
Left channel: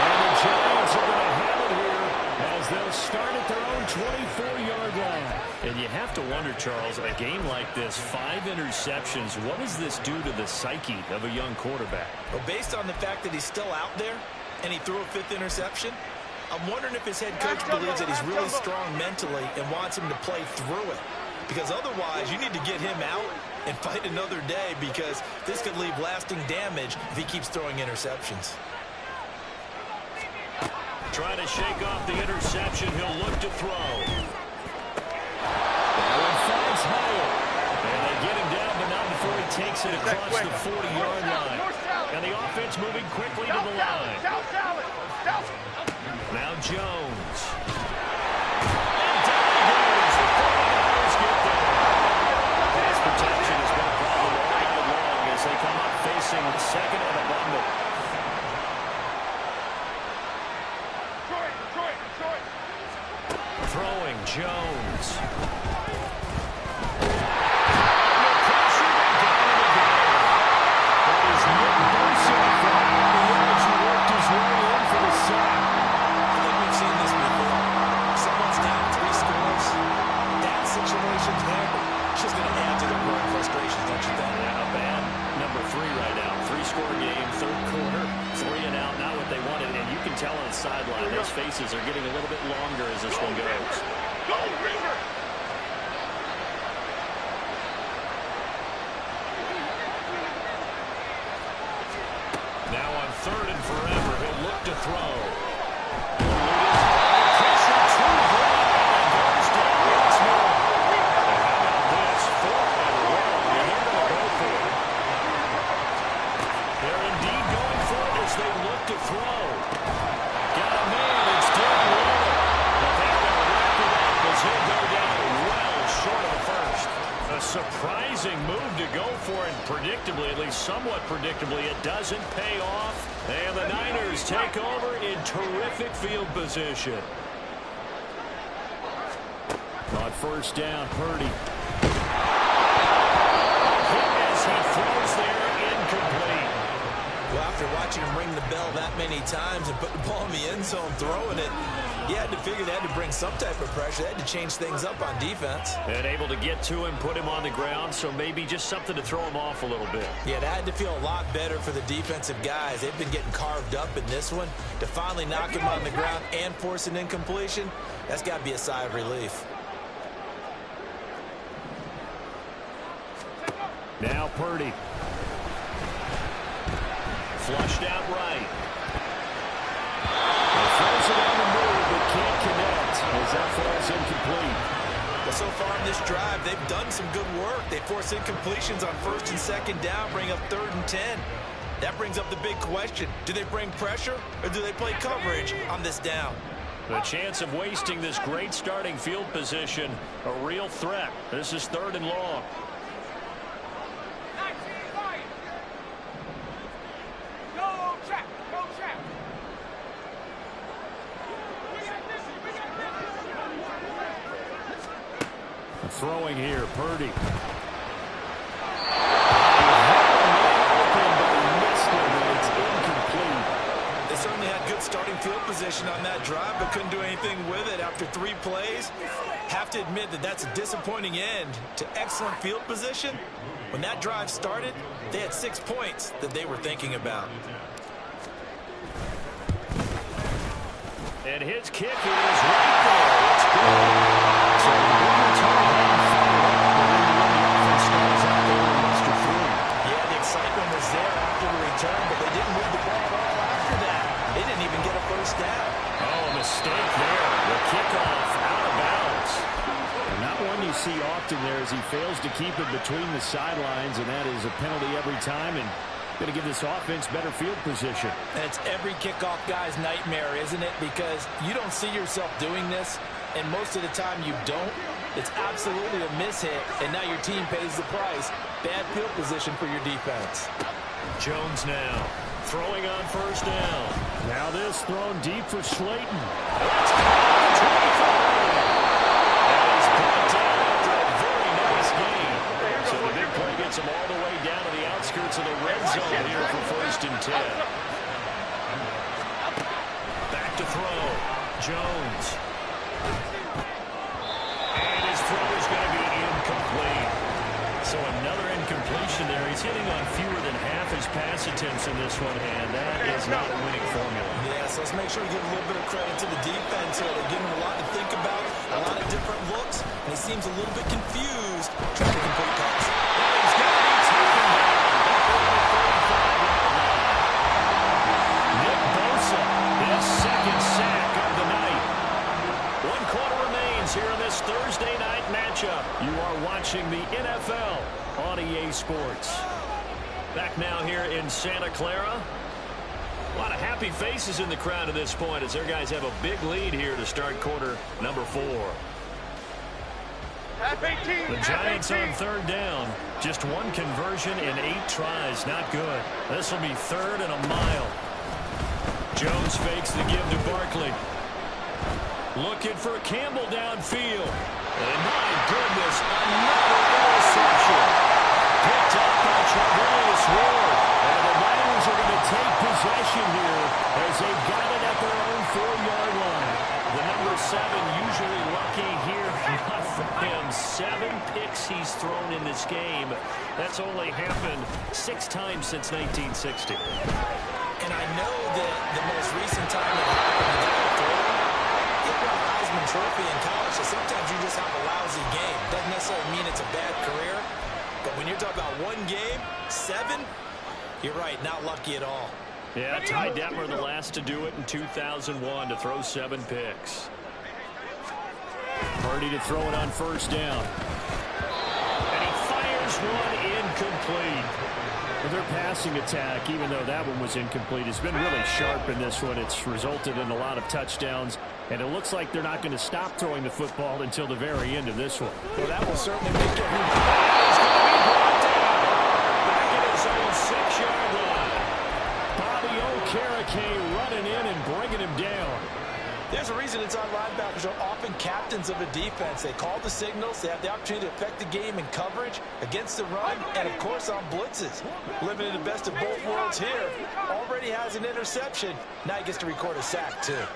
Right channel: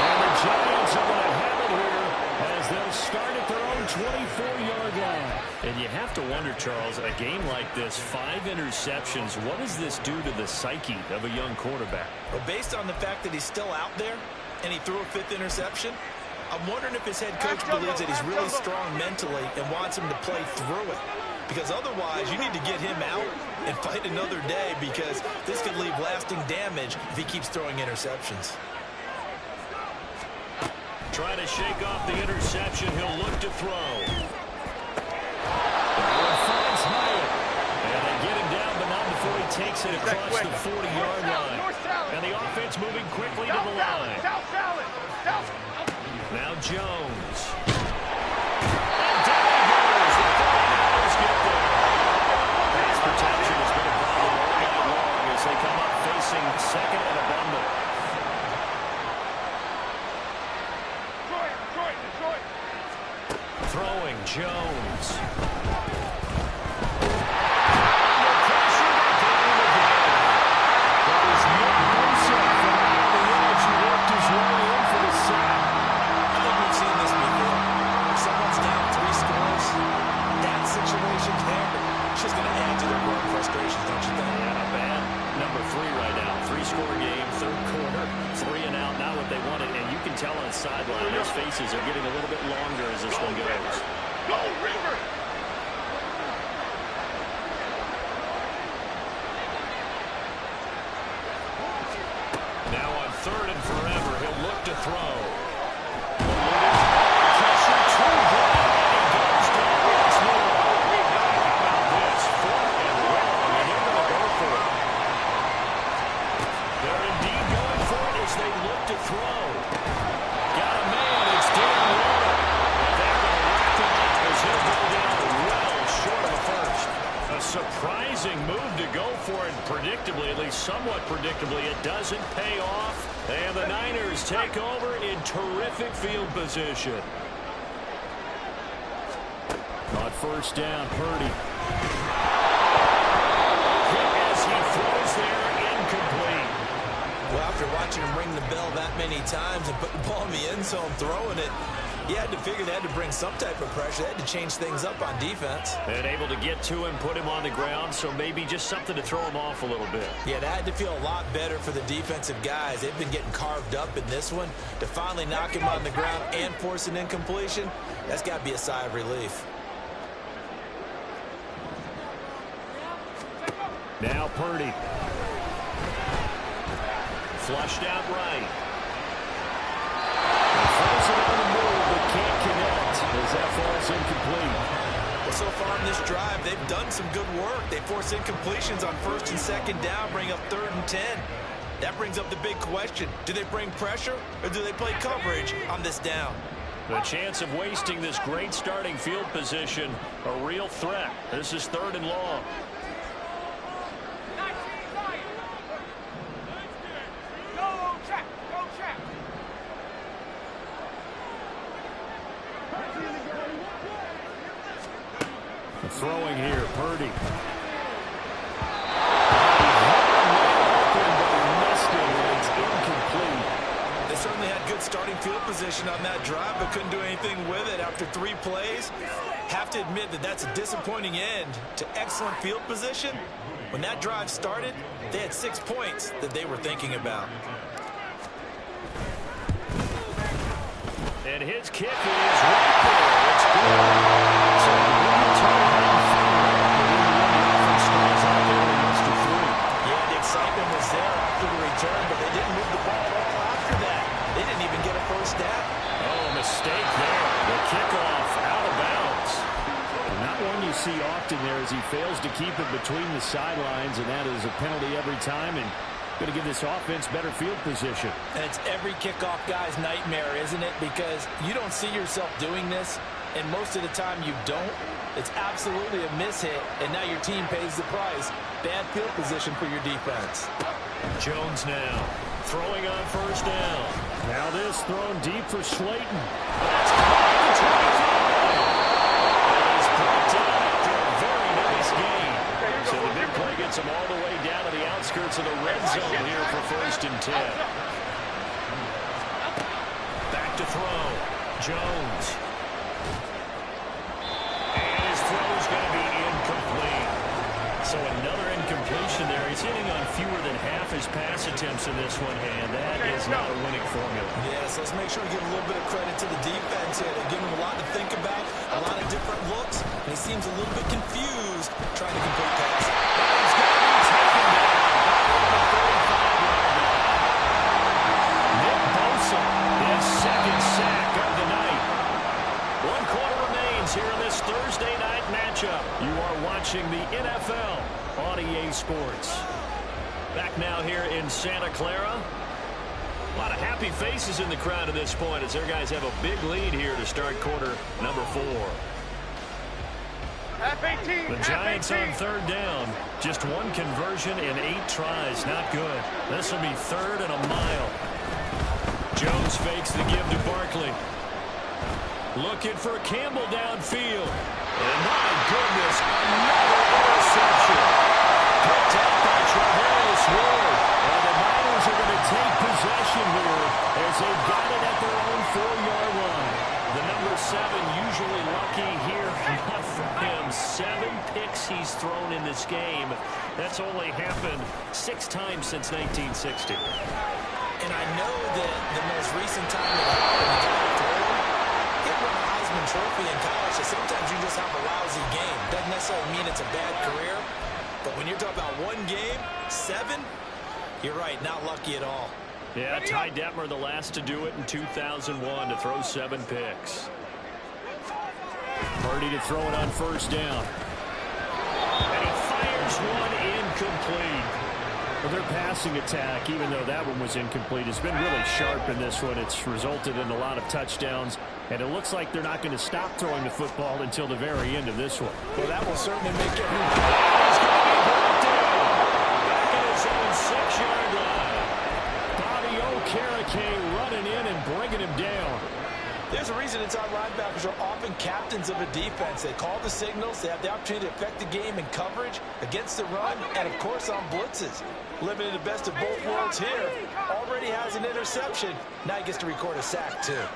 And the Giants are going to have it here as they'll start at their own 24-yard line. And you have to wonder, Charles, a game like this, 5 interceptions, what does this do to the psyche of a young quarterback? Well, based on the fact that he's still out there and he threw a 5th interception, I'm wondering if his head coach believes that he's really strong mentally and wants him to play through it. Because otherwise, you need to get him out and fight another day, because this could leave lasting damage if he keeps throwing interceptions. Trying to shake off the interception. He'll look to throw. That one finds Hyatt. And they get him down, but not before he takes it across the 40-yard line. And the offense moving quickly to the line. Now Jones. And down he goes. The 49ers get there. Pass protection has been a problem all night long as they come up facing second and a bundle. Detroit. Throwing Jones. I think we've seen this before. Someone's down 3 scores. That situation there, it's just going to add to their growing frustrations, don't you think? Yeah, not bad. Number 3 right now. 3-score game, third quarter. 3 and out, not what they wanted. And you can tell on the sideline, those faces are getting a little bit longer as this one goes. Go, River! Now on 3rd and forever, he'll look to throw. Pressure too great, and he goes down once more. And how about this? 4th and long, and they're going to go for it. They're indeed going for it as they look to throw. Got a man, it's Darren Waller. But they're going to wrap him up as he'll go down well short of the first. A surprising move to go for it, predictably, at least somewhat predictably, it doesn't pay off. And the Niners take over in terrific field position. On first down, Purdy. Hit as he throws there, incomplete. Well, after watching him ring the bell that many times and put the ball in the end zone, throwing it, you had to figure they had to bring some type of pressure. They had to change things up on defense. And able to get to him, put him on the ground, so maybe just something to throw him off a little bit. Yeah, that had to feel a lot better for the defensive guys. They've been getting carved up in this one. To finally knock him on the ground and force an incompletion, that's got to be a sigh of relief. Now Purdy. Flushed out right. Throws it on the move, but can't connect as that falls incomplete. Well, so far in this drive, they've done some good work. They force incompletions on 1st and 2nd down, bring up 3rd and 10. That brings up the big question. Do they bring pressure or do they play coverage on this down? The chance of wasting this great starting field position, a real threat. This is 3rd and long. Throwing here, Purdy. He had a man open, but he missed him, and it's incomplete. They certainly had good starting field position on that drive, but couldn't do anything with it after 3 plays. Have to admit that that's a disappointing end to excellent field position. When that drive started, they had 6 points that they were thinking about. And his kick is right there. It's good. So the big return hadn't followed up, but in the end, the offense stalls out there with muster 3. Yeah, the excitement was there after the return, but they didn't move the ball at all after that. They didn't even get a first down. Oh, a mistake there. The kickoff out of bounds. Well, not one you see often there as he fails to keep it between the sidelines, and that is a penalty every time, and going to give this offense better field position. And it's every kickoff guy's nightmare, isn't it? Because you don't see yourself doing this, and most of the time you don't. It's absolutely a mishit, and now your team pays the price. Bad field position for your defense. Jones now throwing on first down. Now this thrown deep for Slayton. That's caught at the 25. And he's brought down after a very nice gain. So the big play gets him all the way down to the outskirts of the red zone here for 1st and 10. Back to throw. Jones. And his throw is going to be incomplete. So another incompletion there. He's hitting on fewer than half his pass attempts in this one, and that is not a winning formula. Yeah, so let's make sure to give a little bit of credit to the defense here. They're giving him a lot to think about, a lot of different looks, and he seems a little bit confused trying to complete passes. And he's going to be taken down back over the 35-yard line. Nick Bosa, his 2nd sack of the night. 1 quarter remains happens here in this Thursday night matchup. You are watching the NFL on EA Sports. Back now here in Santa Clara. A lot of happy faces in the crowd at this point as their guys have a big lead here to start quarter number 4. The Giants on third down. Just one conversion in 8 tries. Not good. This will be 3rd and a mile. Jones fakes the give to Barkley. Looking for Campbell downfield. And my goodness, another interception. Picked up by Charvarius Ward. And the Niners are going to take possession here as they've got it at their own 4-yard line. The number 7 usually lucky here. Not for him. 7 picks he's thrown in this game. That's only happened 6 times since 1960. And I know that the most recent time it happened, the guy throwing, it won a Heisman Trophy in college, so sometimes you just have a lousy game. Doesn't necessarily mean it's a bad career, but when you're talking about one game, 7, you're right, not lucky at all. Yeah, Ty Detmer the last to do it in 2001 to throw 7 picks. Purdy to throw it on first down. And he fires one incomplete. Well, their passing attack, even though that one was incomplete, has been really sharp in this one. It's resulted in a lot of touchdowns, and it looks like they're not going to stop throwing the football until the very end of this one. Well, that will certainly make every... And he's going to be brought down. Back at his own 6-yard line. Bobby Okereke running in and bringing him down. There's a reason inside linebackers are often captains of a defense. They call the signals. They have the opportunity to affect the game in coverage, against the run, and, of course, on blitzes. Living in the best of both worlds here. Already has an interception. Now he gets to record a sack, too.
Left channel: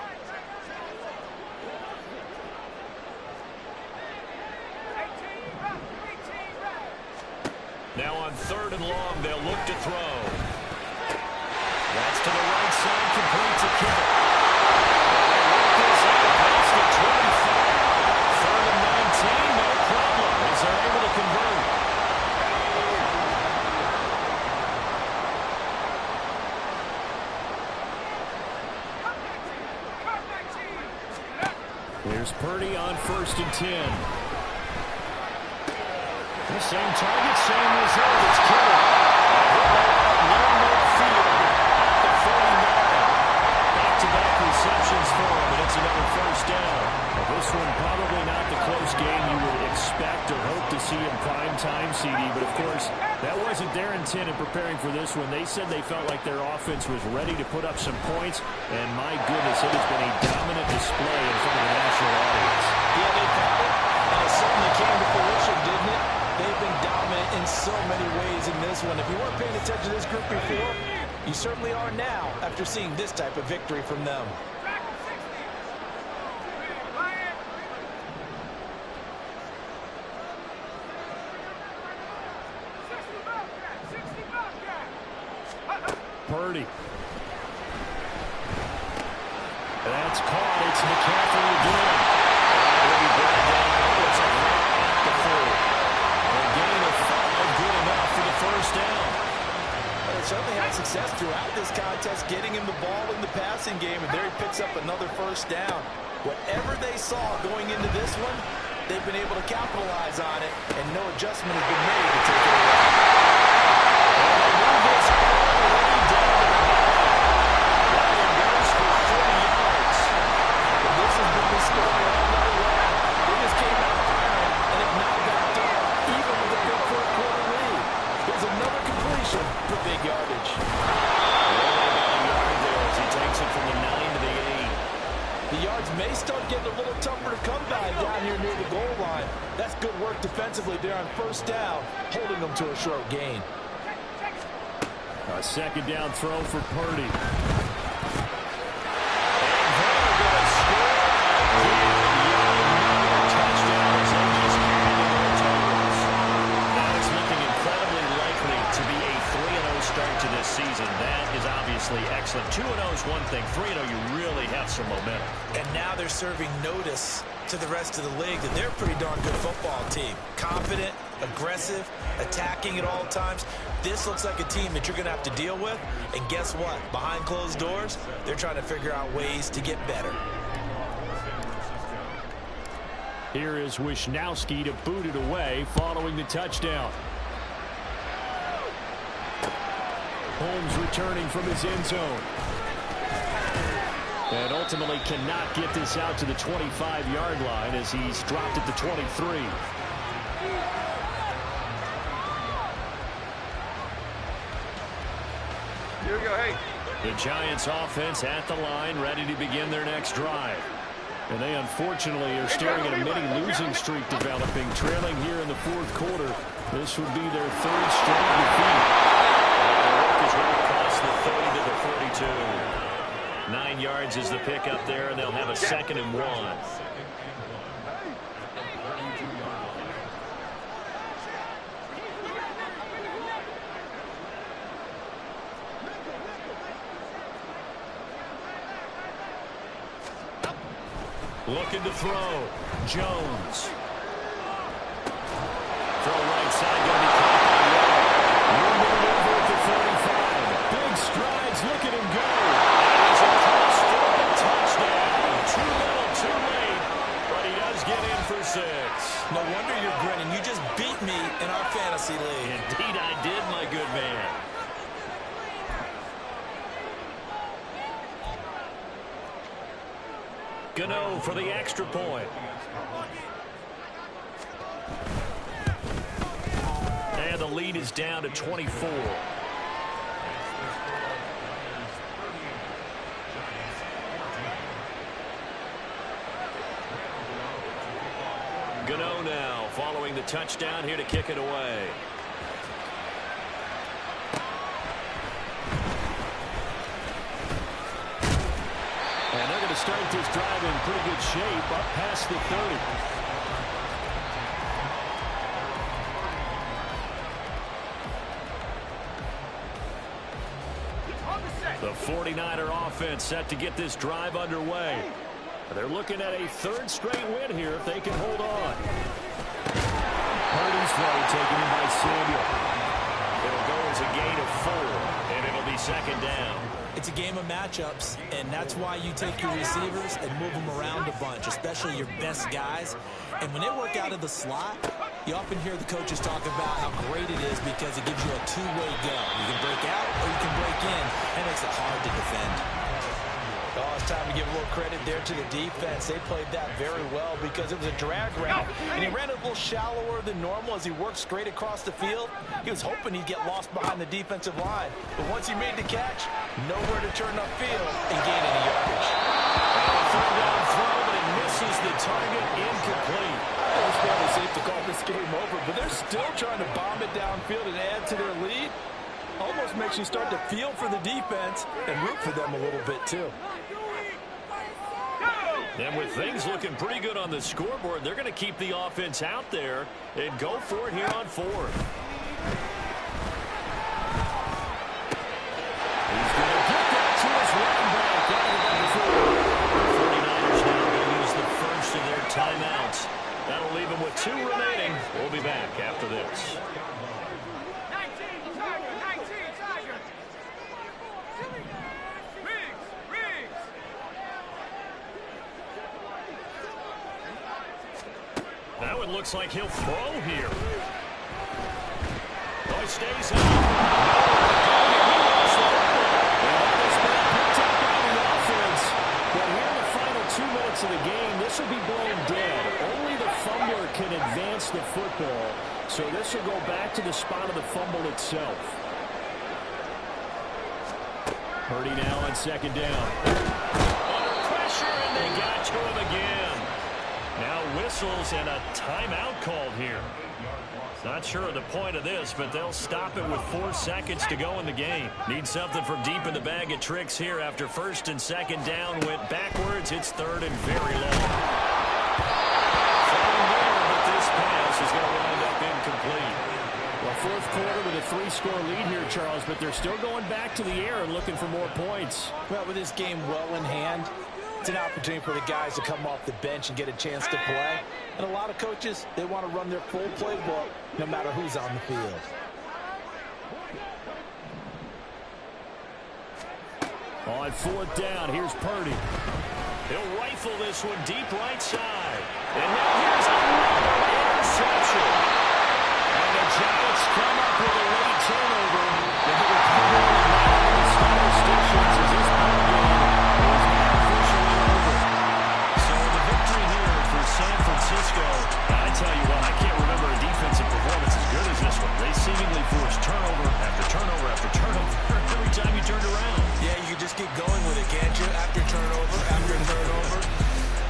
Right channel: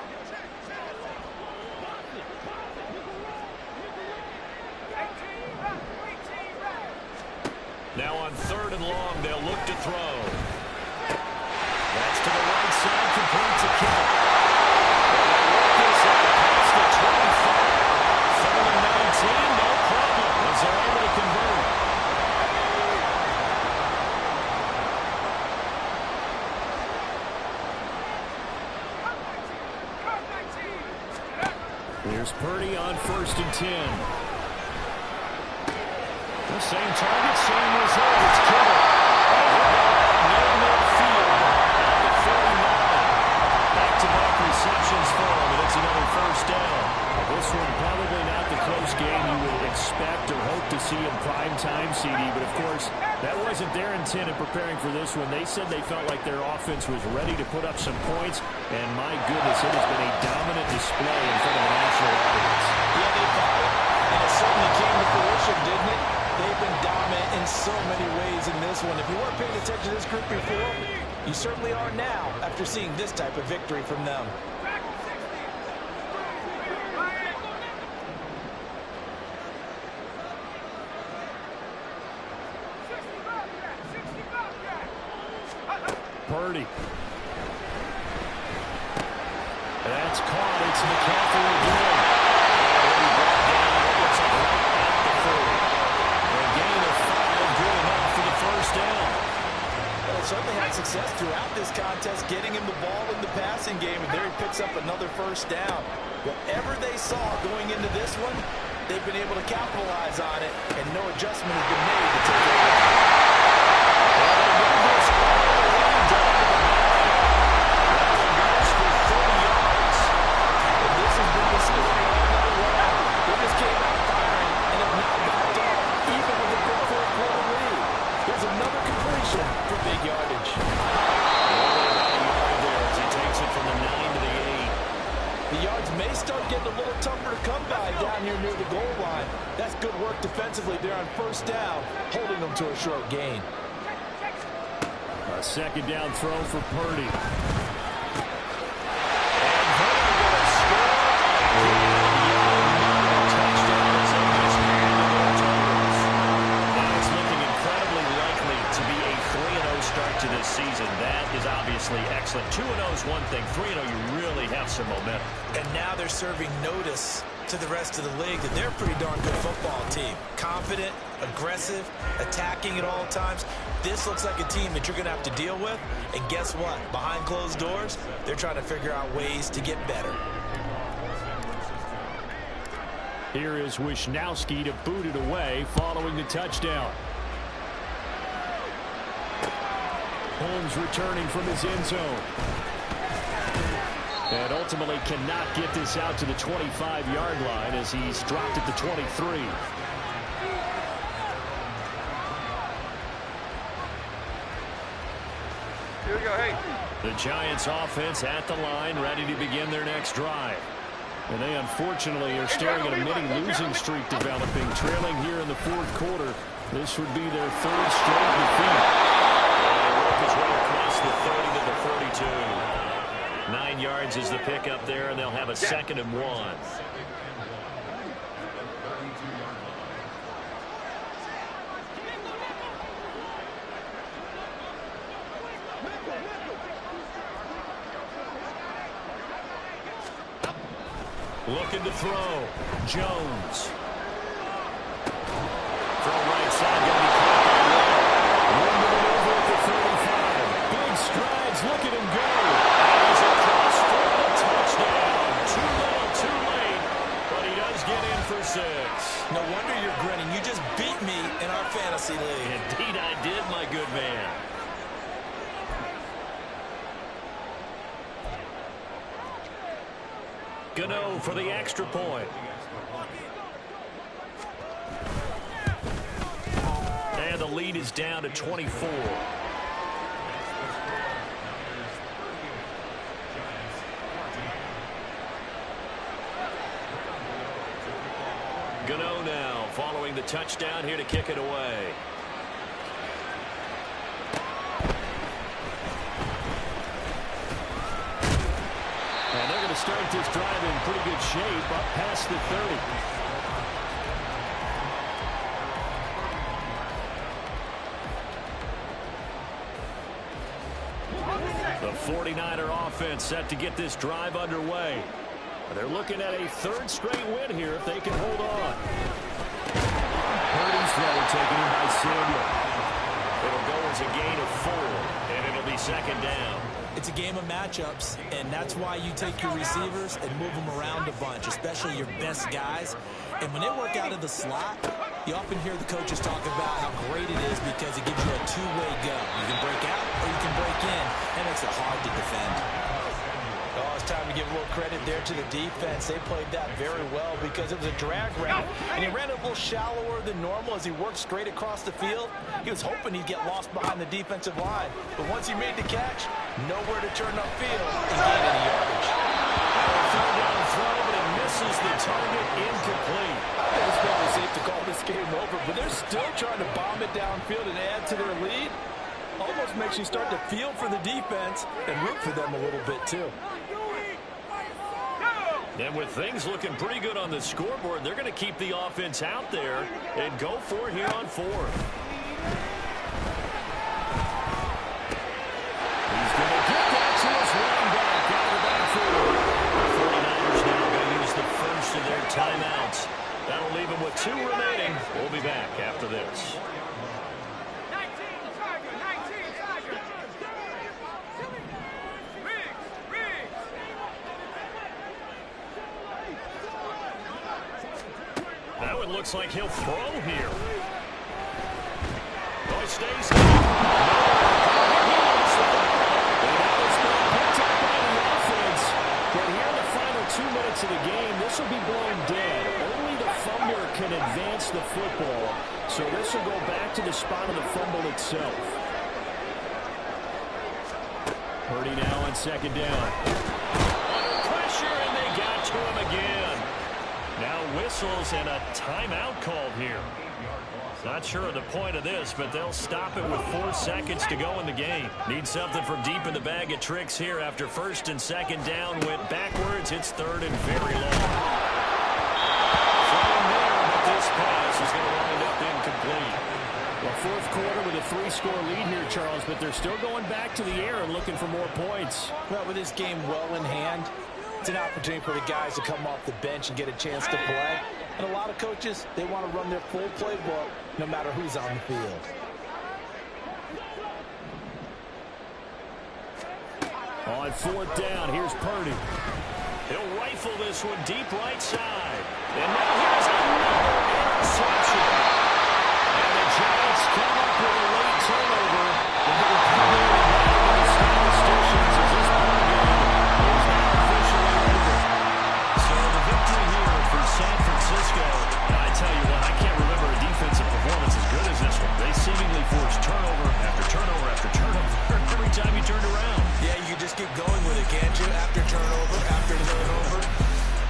Now on 3rd and long, they'll look to throw. That's to the right side, complete to Kittle. This out past the 25. 3rd and 19, no problem, as they're able to convert. Here's Purdy on 1st and 10. The same target, same result. It's Kittle. He'll go out near midfield at the 49. Back-to-back receptions for him, and it's another first down. Well, this one probably not the close game you would expect or hope to see in prime time, CD, but of course, that wasn't their intent in preparing for this one. They said they felt like their offense was ready to put up some points, and my goodness, it has been a dominant display in front of a national audience. Yeah, they thought it, and it certainly came to fruition, didn't it? They've been dominant in so many ways in this one. If you weren't paying attention to this group before, you certainly are now after seeing this type of victory from them. Purdy. That's caught. It's McCaffrey again. And he'll be brought down. It looks like right at the 40. A gain of 5, good enough for the first down. Well, they certainly had success throughout this contest, getting him the ball in the passing game, and there he picks up another first down. Whatever they saw going into this one, they've been able to capitalize on it, and no adjustment has been made to take it away. And they move this all the way down to the 9. That one goes for 40 yards. And this has been the story all night long. They just came out firing and have now backed up, even with a big 4-quarter lead. Here's another completion for big yardage. Only about a yard there as he takes it from the 9 to the 8. The yards may start getting a little tougher to come by down here near the goal line. That's good work defensively there on first down, holding them to a short gain. A second down throw for Purdy. And they're going to score again. Young, another touchdown as they just handed their totals. Now it's looking incredibly likely to be a 3-0 start to this season. That is obviously excellent. 2-0 is one thing. 3-0, you really have some momentum. And now they're serving notice to the rest of the league that they're a pretty darn good football team. Confident, aggressive, attacking at all times. This looks like a team that you're going to have to deal with. And guess what? Behind closed doors, they're trying to figure out ways to get better. Here is Wisnowski to boot it away following the touchdown. Holmes returning from his end zone. And ultimately cannot get this out to the 25-yard line as he's dropped at the 23. Here we go, hey. The Giants offense at the line, ready to begin their next drive. And they unfortunately are staring at a mini losing streak developing, trailing here in the fourth quarter. This would be their third straight defeat. And they work his way across the 30 to the 32. 9 yards is the pickup there, and they'll have a 2nd and 1. Looking to throw. Jones. Throw right side, going to be caught by Waller. Room to maneuver at the 35. Big strides, look at him go. And he's across for the touchdown. Too little, too late, but he does get in for 6. No wonder you're grinning. You just beat me in our fantasy league. Indeed I did, my good man. Gano for the extra point. And the lead is down to 24. Gano now following the touchdown here to kick it away. And they're going to start this drive in pretty good shape up past the 30. The 49er offense set to get this drive underway. They're looking at a third straight win here if they can hold on. Purdy's throw taken in by Samuel. It'll go as a gain of 4, and it'll be 2nd down. It's a game of matchups, and that's why you take your receivers and move them around a bunch, especially your best guys. And when they work out of the slot, you often hear the coaches talk about how great it is because it gives you a two-way go. You can break out or you can break in. That makes it hard to defend. Oh, it's time to give a little credit there to the defense. They played that very well because it was a drag route, and he ran a little shallower than normal as he worked straight across the field. He was hoping he'd get lost behind the defensive line, but once he made the catch, nowhere to turn upfield and gain any yardage. A third down throw, but it misses the target, incomplete. I think it's fairly safe to call this game over, but they're still trying to bomb it downfield and add to their lead. Almost makes you start to feel for the defense and root for them a little bit, too. And with things looking pretty good on the scoreboard, they're going to keep the offense out there and go for it here on 4th. He's going to get that to his running back out of the backfield. The 49ers now going to use the first of their timeouts. That'll leave them with 2 remaining. We'll be back after this. That one looks like he'll throw here. Oh, he stays up. He lost the football. And that was picked up by the offense. But here in the final 2 minutes of the game, this will be blown dead. Only the fumbler can advance the football. So this will go back to the spot of the fumble itself. Purdy now on 2nd down. Under pressure, and they got to him again. Now whistles and a timeout called here. Not sure of the point of this, but they'll stop it with 4 seconds to go in the game. Need something from deep in the bag of tricks here after 1st and 2nd down. Went backwards. It's 3rd and very long. Throwing there, but this pass is going to wind up incomplete. Well, 4th quarter with a 3-score lead here, Charles, but they're still going back to the air and looking for more points. Well, with this game well in hand, it's an opportunity for the guys to come off the bench and get a chance to play. And a lot of coaches, they want to run their full playbook no matter who's on the field. On 4th down, here's Purdy. He'll rifle this one deep right side. And now here's Francisco, I tell you what, I can't remember a defensive performance as good as this one. They seemingly forced turnover after turnover after turnover every time you turned around. Yeah, you can just keep going with it, can't you? After turnover, after turnover.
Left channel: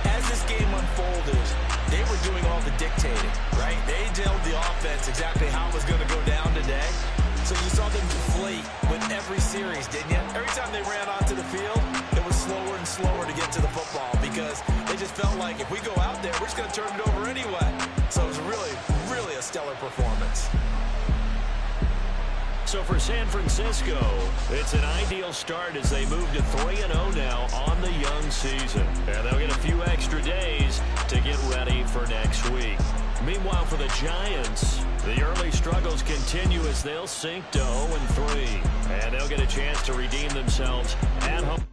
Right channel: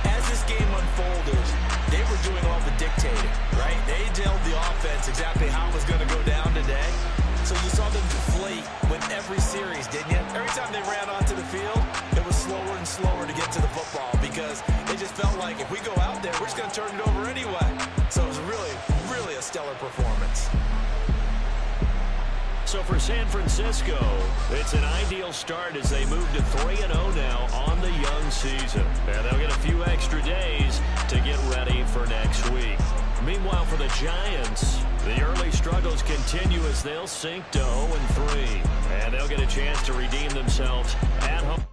As this game unfolded, they were doing all the dictating, right? They told the offense exactly how it was going to go down today. So you saw them deflate with every series, didn't you? Every time they ran onto the field, it was slower and slower to get to the football because they just felt like if we go out there, we're just going to turn it over anyway. So it was really, really a stellar performance. So for San Francisco, it's an ideal start as they move to 3-0 now on the young season. And they'll get a few extra days to get ready for next week. Meanwhile, for the Giants, the early struggles continue as they'll sink to 0-3. And they'll get a chance to redeem themselves at home.